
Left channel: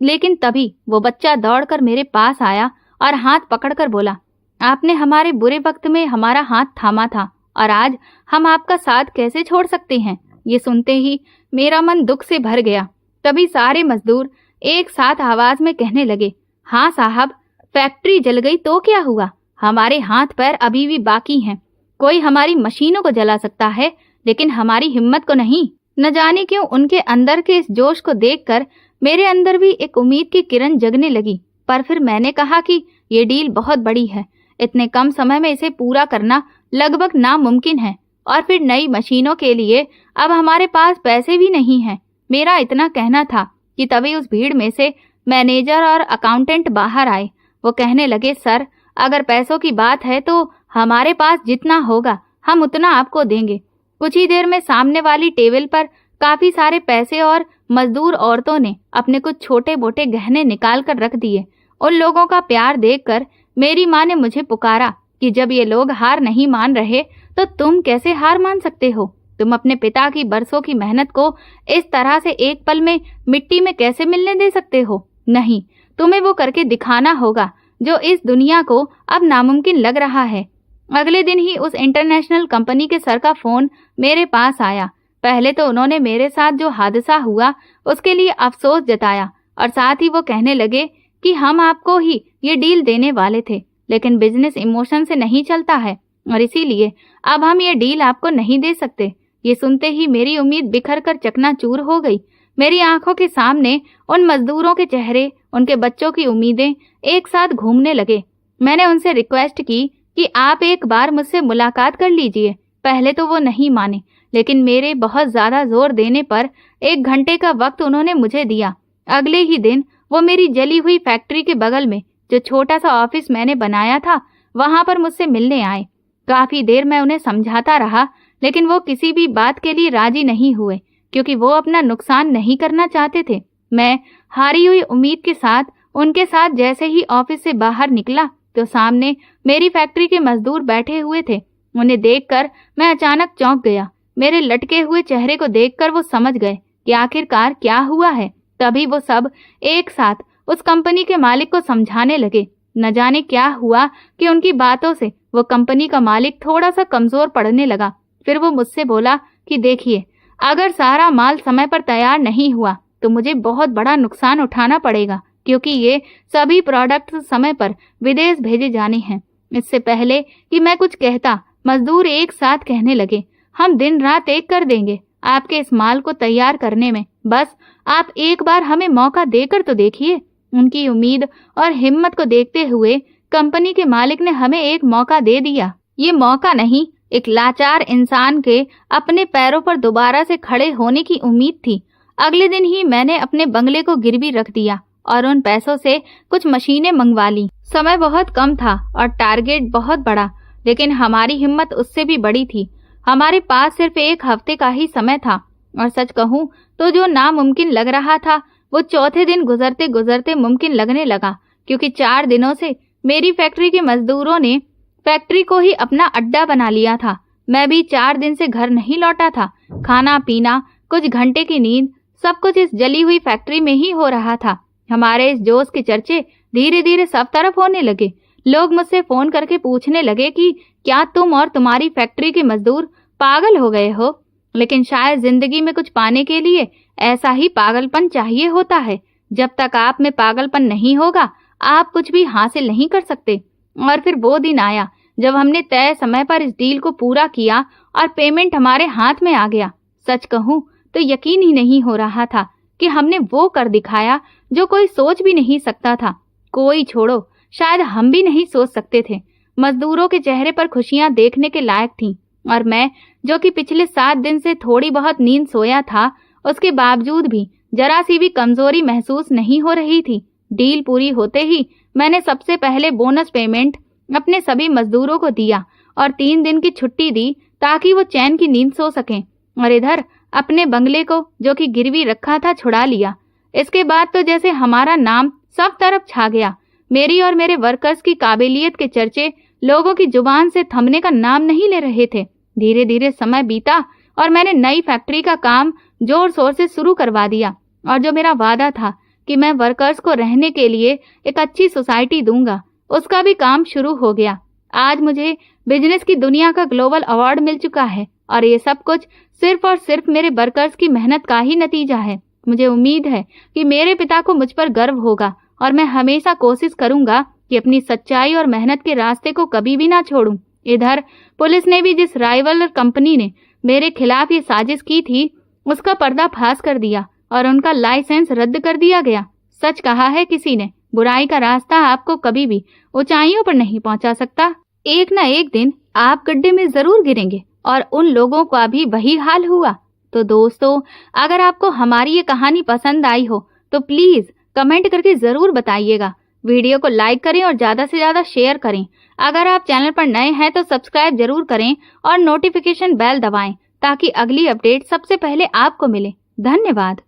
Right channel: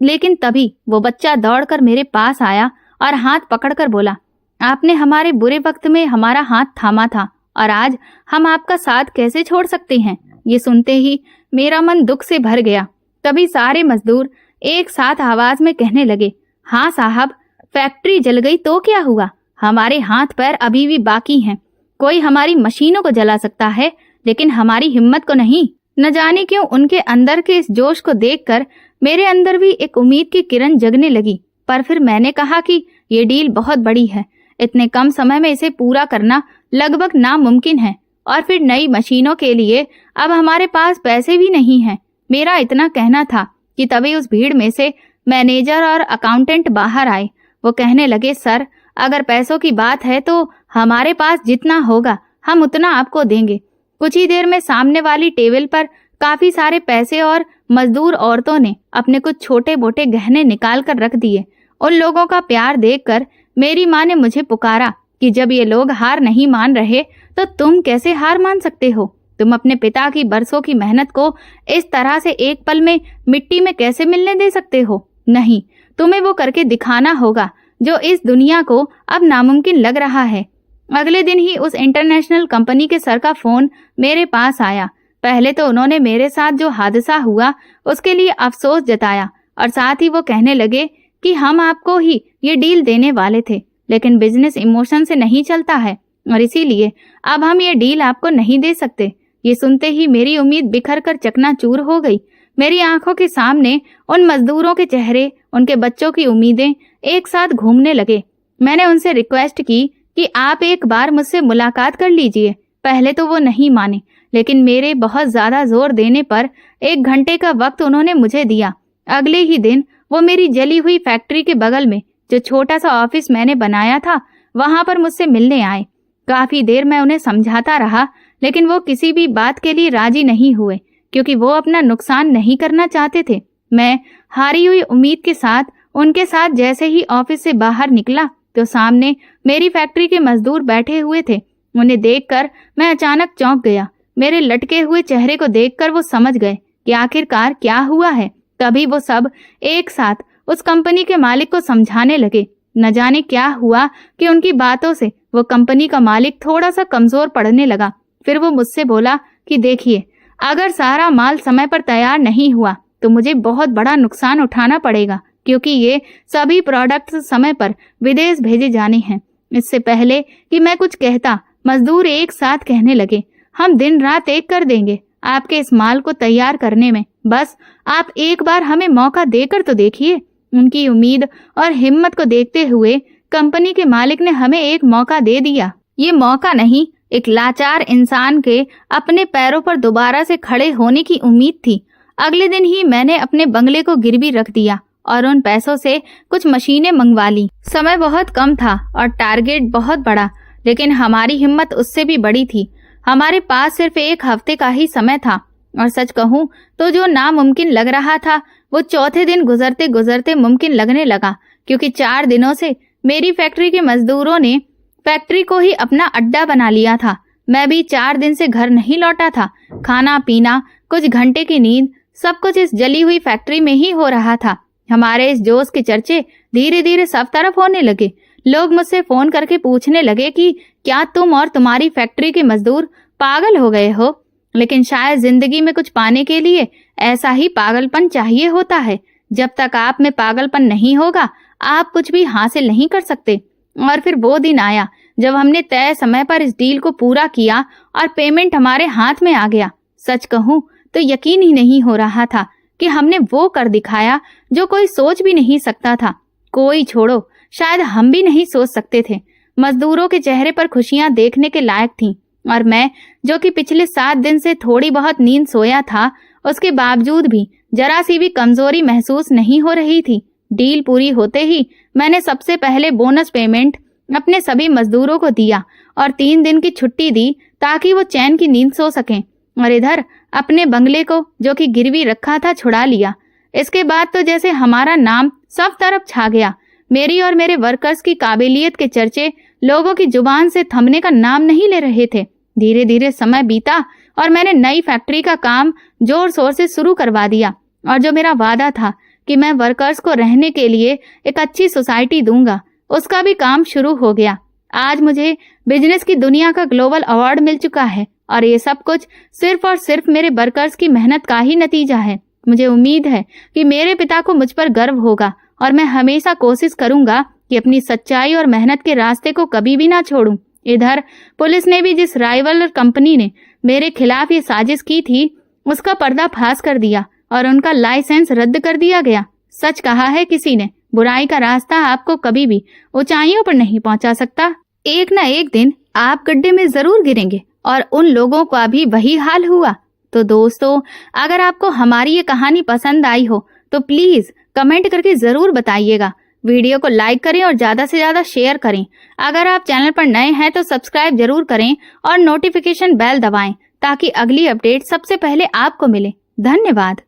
लेकिन तभी वो बच्चा दौड़कर मेरे पास आया और हाथ पकड़कर बोला, आपने हमारे बुरे वक्त में हमारा हाथ थामा था और आज हम आपका साथ कैसे छोड़ सकते हैं। ये सुनते ही मेरा मन दुख से भर गया। तभी सारे मजदूर एक साथ आवाज में कहने लगे, हाँ साहब, फैक्ट्री जल गई तो क्या हुआ, हमारे हाथ पैर अभी भी बाकी हैं। कोई हमारी मशीनों को जला सकता है, लेकिन हमारी हिम्मत को नहीं। न जाने क्यों उनके अंदर के इस जोश को देखकर मेरे अंदर भी एक उम्मीद की किरण जगने लगी। पर फिर मैंने कहा कि ये डील बहुत बड़ी है, इतने कम समय में इसे पूरा करना लगभग नामुमकिन है, और फिर नई मशीनों के लिए अब हमारे पास पैसे भी नहीं हैं। मेरा इतना कहना था कि तभी उस भीड़ में से मैनेजर और अकाउंटेंट बाहर आए। वो कहने लगे, सर अगर पैसों की बात है तो हमारे पास जितना होगा हम उतना आपको देंगे। कुछ ही देर में सामने वाली टेबल पर काफी सारे पैसे और मजदूर औरतों ने अपने कुछ छोटे मोटे गहने निकाल कर रख दिए। उन लोगों का प्यार देखकर मेरी माँ ने मुझे पुकारा कि जब ये लोग हार नहीं मान रहे तो तुम कैसे हार मान सकते हो? तुम अपने पिता की बरसों की मेहनत को इस तरह से एक पल में मिट्टी में कैसे मिलने दे सकते हो? नहीं, तुम्हें वो करके दिखाना होगा जो इस दुनिया को अब नामुमकिन लग रहा है। अगले दिन ही उस इंटरनेशनल कंपनी के सर का फोन मेरे पास आया। पहले तो उन्होंने मेरे साथ जो हादसा हुआ उसके लिए अफसोस जताया और साथ ही वो कहने लगे कि हम आपको ही ये डील देने वाले थे, लेकिन बिजनेस इमोशन से नहीं चलता है और इसीलिए अब हम ये डील आपको नहीं दे सकते। ये सुनते ही मेरी उम्मीद बिखर कर चकनाचूर हो गई। मेरी आंखों के सामने उन मजदूरों के चेहरे, उनके बच्चों की उम्मीदें एक साथ घूमने लगे। मैंने उनसे रिक्वेस्ट की कि आप एक बार मुझसे मुलाकात कर लीजिए। पहले तो वो नहीं माने, लेकिन मेरे बहुत ज्यादा जोर देने पर 1 घंटे का वक्त उन्होंने मुझे दिया। अगले ही दिन वो मेरी जली हुई फैक्ट्री के बगल में जो छोटा सा ऑफिस मैंने बनाया था वहां पर मुझसे मिलने आए। काफी देर मैं उन्हें समझाता रहा, लेकिन वो किसी भी बात के लिए राजी नहीं हुए, क्योंकि वो अपना नुकसान नहीं करना चाहते थे। मैं हारी हुई उम्मीद के साथ उनके साथ जैसे ही ऑफिस से बाहर निकला तो सामने मेरी फैक्ट्री के मजदूर बैठे हुए थे। उन्हें देखकर मैं अचानक चौंक गया। मेरे लटके हुए चेहरे को देखकर वो समझ गए कि आखिरकार क्या हुआ है। तभी वो सब एक साथ उस कंपनी के मालिक को समझाने लगे। न जाने क्या हुआ कि उनकी बातों से वो कंपनी का मालिक थोड़ा सा कमजोर पड़ने लगा। फिर वो मुझसे बोला कि देखिए, अगर सारा माल समय पर तैयार नहीं हुआ तो मुझे बहुत बड़ा नुकसान उठाना पड़ेगा, क्योंकि ये सभी प्रोडक्ट्स समय पर विदेश भेजे जाने हैं। इससे पहले कि मैं कुछ कहता, मजदूर एक साथ कहने लगे, हम दिन रात एक कर देंगे आपके इस माल को तैयार करने में, बस आप एक बार हमें मौका देकर तो देखिए। उनकी उम्मीद और हिम्मत को देखते हुए कंपनी के मालिक ने हमें एक मौका दे दिया। ये मौका नहीं, एक लाचार इंसान के अपने पैरों पर दोबारा से खड़े होने की उम्मीद थी। अगले दिन ही मैंने अपने बंगले को गिरवी रख दिया और उन पैसों से कुछ मशीनें मंगवा ली। समय बहुत कम था और टारगेट बहुत बड़ा, लेकिन हमारी हिम्मत उससे भी बड़ी थी। हमारे पास सिर्फ 1 हफ्ते का ही समय था और सच कहूं तो जो नामुमकिन लग रहा था वो चौथे दिन गुजरते गुजरते मुमकिन लगने लगा, क्योंकि 4 दिनों से मेरी फैक्ट्री के मजदूरों ने फैक्ट्री को ही अपना अड्डा बना लिया था। मैं भी 4 दिन से घर नहीं लौटा था। खाना पीना, कुछ घंटे की नींद, सब कुछ इस जली हुई फैक्ट्री में ही हो रहा था। हमारे इस जोश के चर्चे धीरे धीरे सब तरफ होने लगे। लोग मुझसे फोन करके पूछने लगे कि क्या तुम और तुम्हारी फैक्ट्री के मजदूर पागल हो गए हो? लेकिन शायद जिंदगी में कुछ पाने के लिए ऐसा ही पागलपन चाहिए होता है। जब तक आप में पागलपन नहीं होगा आप कुछ भी हासिल नहीं कर सकते। और फिर वो दिन आया जब हमने तय समय पर इस डील को पूरा किया और पेमेंट हमारे हाथ में आ गया। सच कहूं तो यकीन ही नहीं हो रहा था कि हमने वो कर दिखाया जो कोई सोच भी नहीं सकता था। कोई छोड़ो, शायद हम भी नहीं सोच सकते थे। मजदूरों के चेहरे पर खुशियां देखने के लायक थीं और मैं, जो कि पिछले 7 दिन से थोड़ी बहुत नींद सोया था, उसके बावजूद भी जरा सी भी कमजोरी महसूस नहीं हो रही थी। डील पूरी होते ही मैंने सबसे पहले बोनस पेमेंट अपने सभी मजदूरों को दिया और 3 दिन की छुट्टी दी ताकि वो चैन की नींद सो सकें। और इधर अपने बंगले को, जो कि गिरवी रखा था, छुड़ा लिया। इसके बाद तो जैसे हमारा नाम सब तरफ छा गया। मेरी और मेरे वर्कर्स की काबिलियत के चर्चे लोगों की जुबान से थमने का नाम नहीं ले रहे थे। धीरे धीरे समय बीता और मैंने नई फैक्ट्री का काम जोर शोर से शुरू करवा दिया और जो मेरा वादा था कि मैं वर्कर्स को रहने के लिए एक अच्छी सोसाइटी दूंगा, उसका भी काम शुरू हो गया। आज मुझे बिजनेस की दुनिया का ग्लोबल अवार्ड मिल चुका है और ये सब कुछ सिर्फ और सिर्फ मेरे वर्कर्स की मेहनत का ही नतीजा है। मुझे उम्मीद है कि मेरे पिता को मुझ पर गर्व होगा और मैं हमेशा कोशिश करूंगा कि अपनी सच्चाई और मेहनत के रास्ते को कभी भी ना छोड़ूं। इधर पुलिस ने भी जिस राइवल कंपनी ने मेरे खिलाफ ये साजिश की थी उसका पर्दाफाश कर दिया और उनका लाइसेंस रद्द कर दिया गया। सच कहा है किसी ने, बुराई का रास्ता आपको कभी भी ऊंचाइयों पर नहीं पहुंचा सकता। एक न एक दिन आप गड्ढे में जरूर गिरेंगे और उन लोगों का भी वही हाल हुआ। तो दोस्तों, अगर आपको हमारी ये कहानी पसंद आई हो तो प्लीज कमेंट करके जरूर बताइएगा। वीडियो को लाइक करें और ज्यादा से ज्यादा शेयर करें। अगर आप चैनल पर नए हैं तो सब्सक्राइब जरूर करें और नोटिफिकेशन बेल दबाएं ताकि अगली अपडेट सबसे पहले आपको मिले। धन्यवाद।